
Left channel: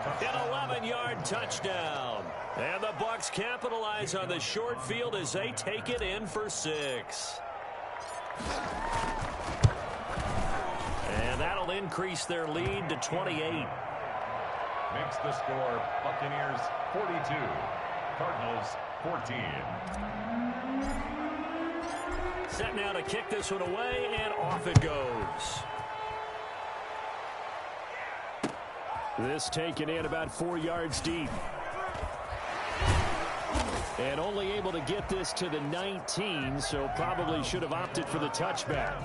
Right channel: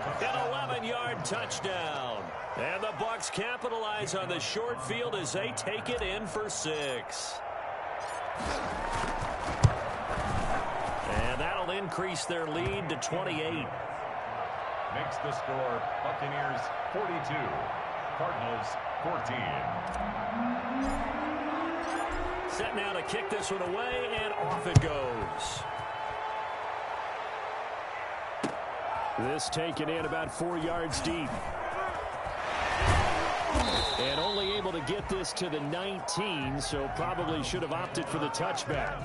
An 11-yard touchdown. And the Bucs capitalize on the short field as they take it in for 6. And that'll increase their lead to 28. Makes the score Buccaneers 42, Cardinals 14. Set now to kick this one away, and off it goes. This taken in about 4 yards deep. And only able to get this to the 19, so probably should have opted for the touchback.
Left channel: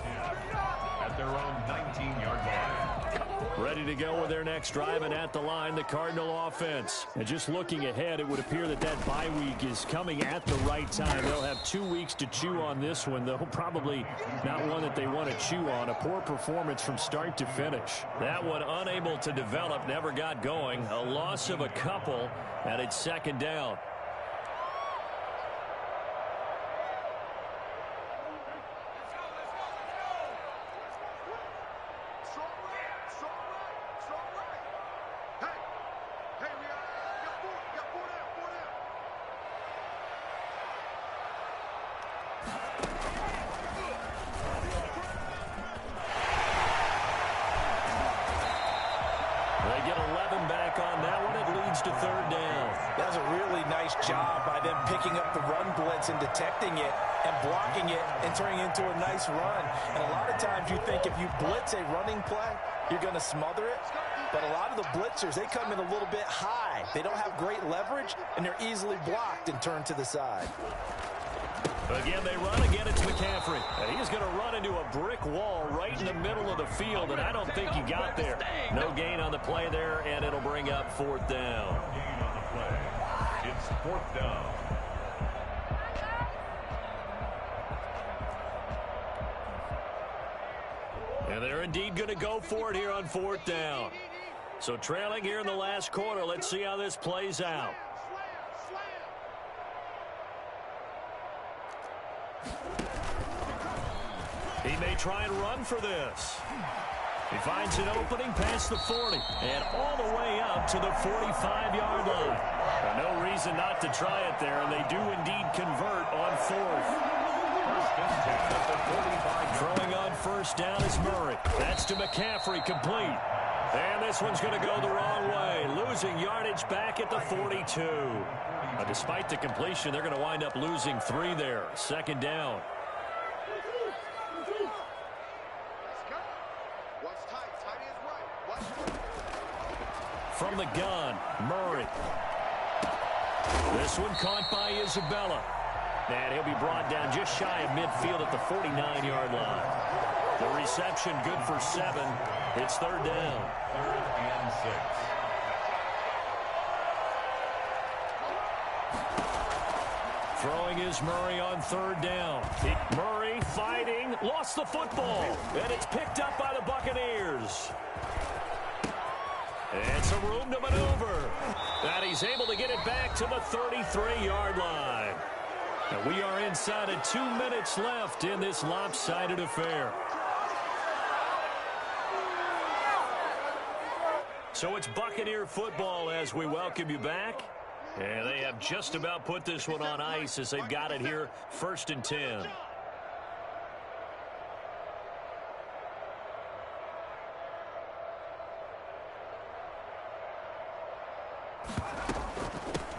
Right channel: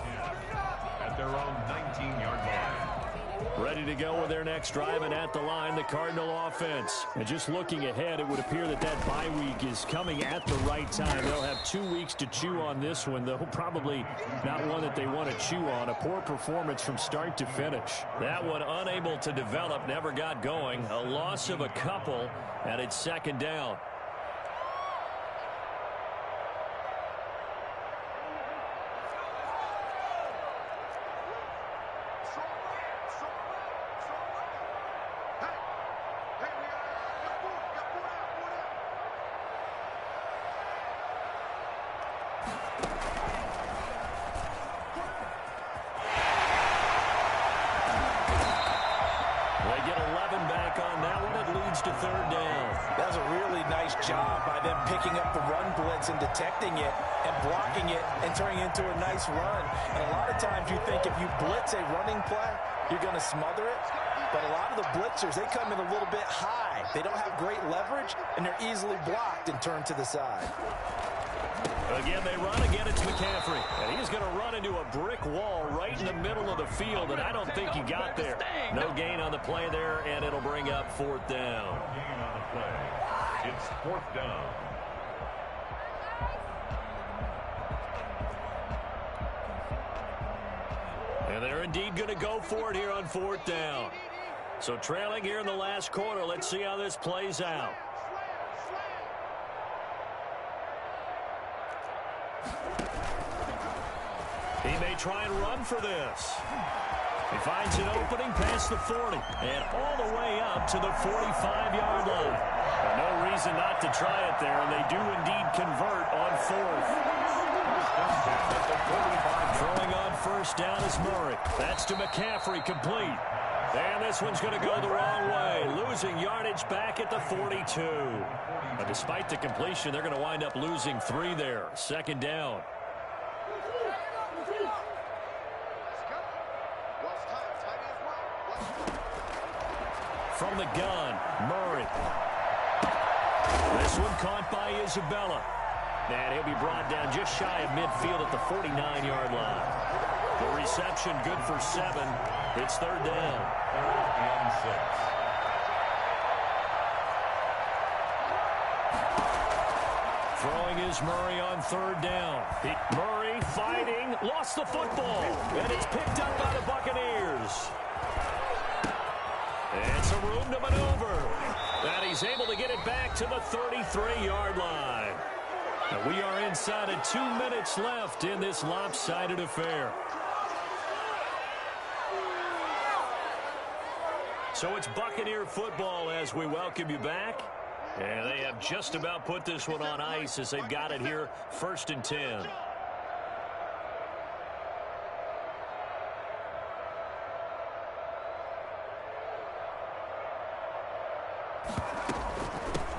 At their own 19-yard line. Ready to go with their next drive, and at the line, the Cardinal offense. And just looking ahead, it would appear that that bye week is coming at the right time. They'll have 2 weeks to chew on this one, though probably not one that they want to chew on. A poor performance from start to finish. That one unable to develop, never got going. A loss of a couple, and it's second down. They get 11 back on that one. It leads to third down. That was a really nice job by them picking up the run blitz and detecting it and blocking it and turning it into a nice run. And a lot of times you think if you blitz a running play, you're going to smother it. But a lot of the blitzers, they come in a little bit high. They don't have great leverage, and they're easily blocked and turned to the side. Again, they run. Again, it's McCaffrey. And he's going to run into a brick wall right in the middle of the field, and I don't think he got there. No gain on the play there, and it'll bring up fourth down. No gain on the play. It's fourth down. And they're indeed going to go for it here on fourth down. So trailing here in the last quarter. Let's see how this plays out. He may try and run for this. He finds an opening past the 40 and all the way up to the 45-yard line. No reason not to try it there, and they do indeed convert on fourth. Throwing on first down is Murray. That's to McCaffrey, complete. And this one's going to go the wrong way, losing yardage back at the 42. Despite the completion, they're going to wind up losing 3 there. Second down. From the gun, Murray. This one caught by Isabella. And he'll be brought down just shy of midfield at the 49-yard line. The reception good for 7. It's third down. 3rd and 6. Throwing is Murray on third down. Murray fighting, lost the football. And it's picked up by the Buccaneers. It's a room to maneuver. And he's able to get it back to the 33-yard line. And we are inside of 2 minutes left in this lopsided affair. So it's Buccaneer football as we welcome you back. And they have just about put this one on ice as they've got it here, 1st and 10.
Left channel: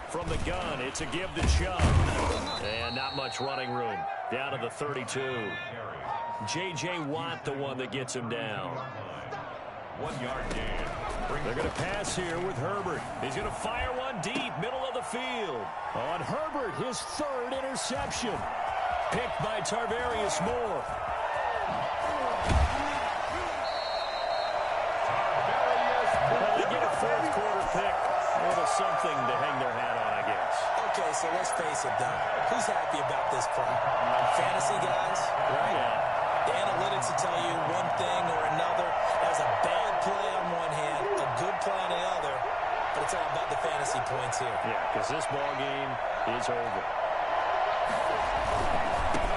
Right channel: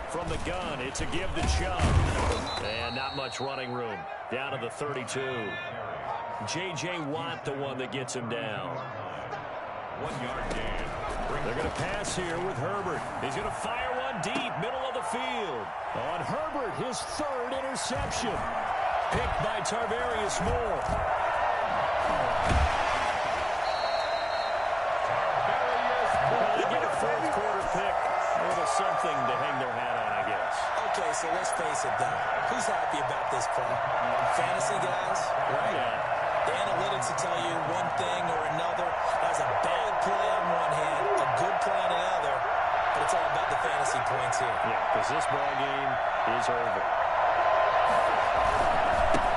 From the gun, it's a give to Chubb. And not much running room. Down to the 32. J.J. Watt, the one that gets him down. 1 yard gain. They're going to pass here with Herbert. He's going to fire one deep, middle of the field. On Herbert, his 3rd interception. Picked by Tarvarius Moore. They get a 4th quarter pick. A little something to hang their hat on, I guess. Okay, so let's face it, though. Who's happy about this play? Fantasy guys, right? Yeah. The analytics will tell you one thing or another. That was a bad play on one hand, a good play on the other, but it's all about the fantasy points here. Yeah, because this ball game is over.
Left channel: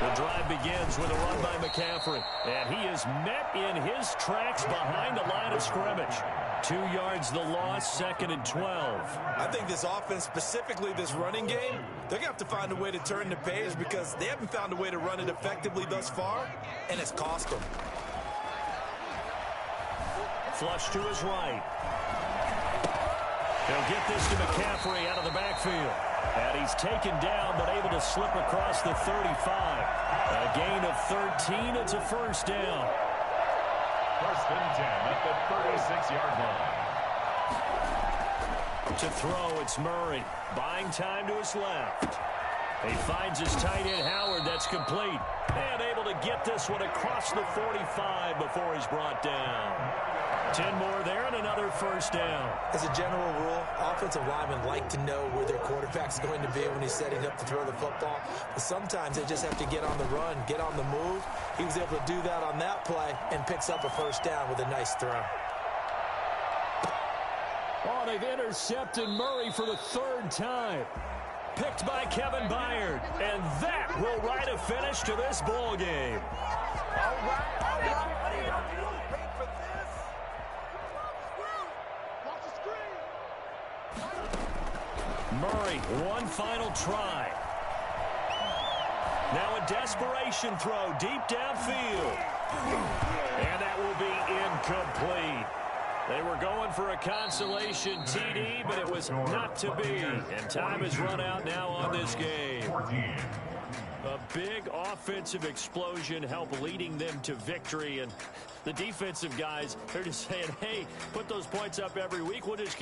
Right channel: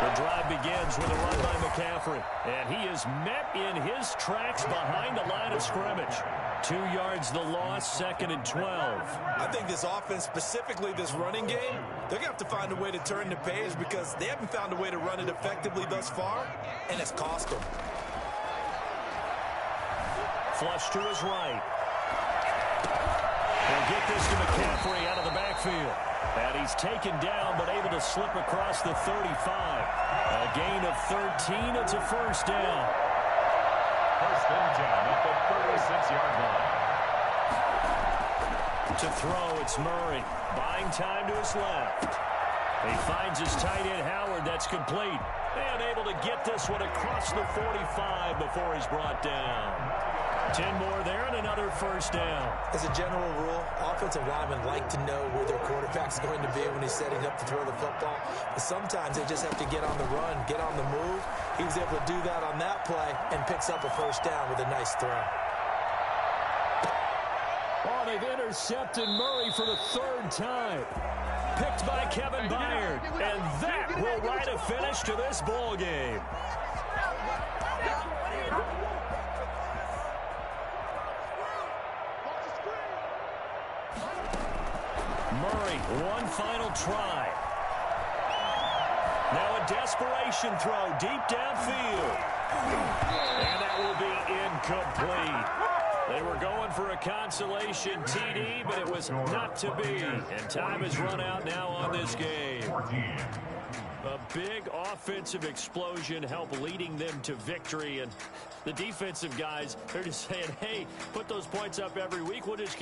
The drive begins with a run by McCaffrey. And he is met in his tracks behind the line of scrimmage. 2 yards the loss, 2nd and 12. I think this offense, specifically this running game, they're going to have to find a way to turn the page because they haven't found a way to run it effectively thus far, and it's cost them. Flush to his right. They'll get this to McCaffrey out of the backfield. And he's taken down but able to slip across the 35. A gain of 13. It's a first down. First and 10 at the 36-yard line. To throw, it's Murray. Buying time to his left. He finds his tight end, Howard. That's complete. And able to get this one across the 45 before he's brought down. 10 more there and another first down. As a general rule, offensive linemen like to know where their quarterback's going to be when he's setting up to throw the football. But sometimes they just have to get on the run, get on the move. He was able to do that on that play and picks up a first down with a nice throw. Oh, they've intercepted Murray for the 3rd time. Picked by Kevin Byard. And that will write a finish to this ball game. Murray, one final try. Now a desperation throw deep downfield. And that will be incomplete. They were going for a consolation TD, but it was not to be. And time has run out now on this game. A big offensive explosion helped leading them to victory. And the defensive guys, they're just saying, hey, put those points up every week. We'll just keep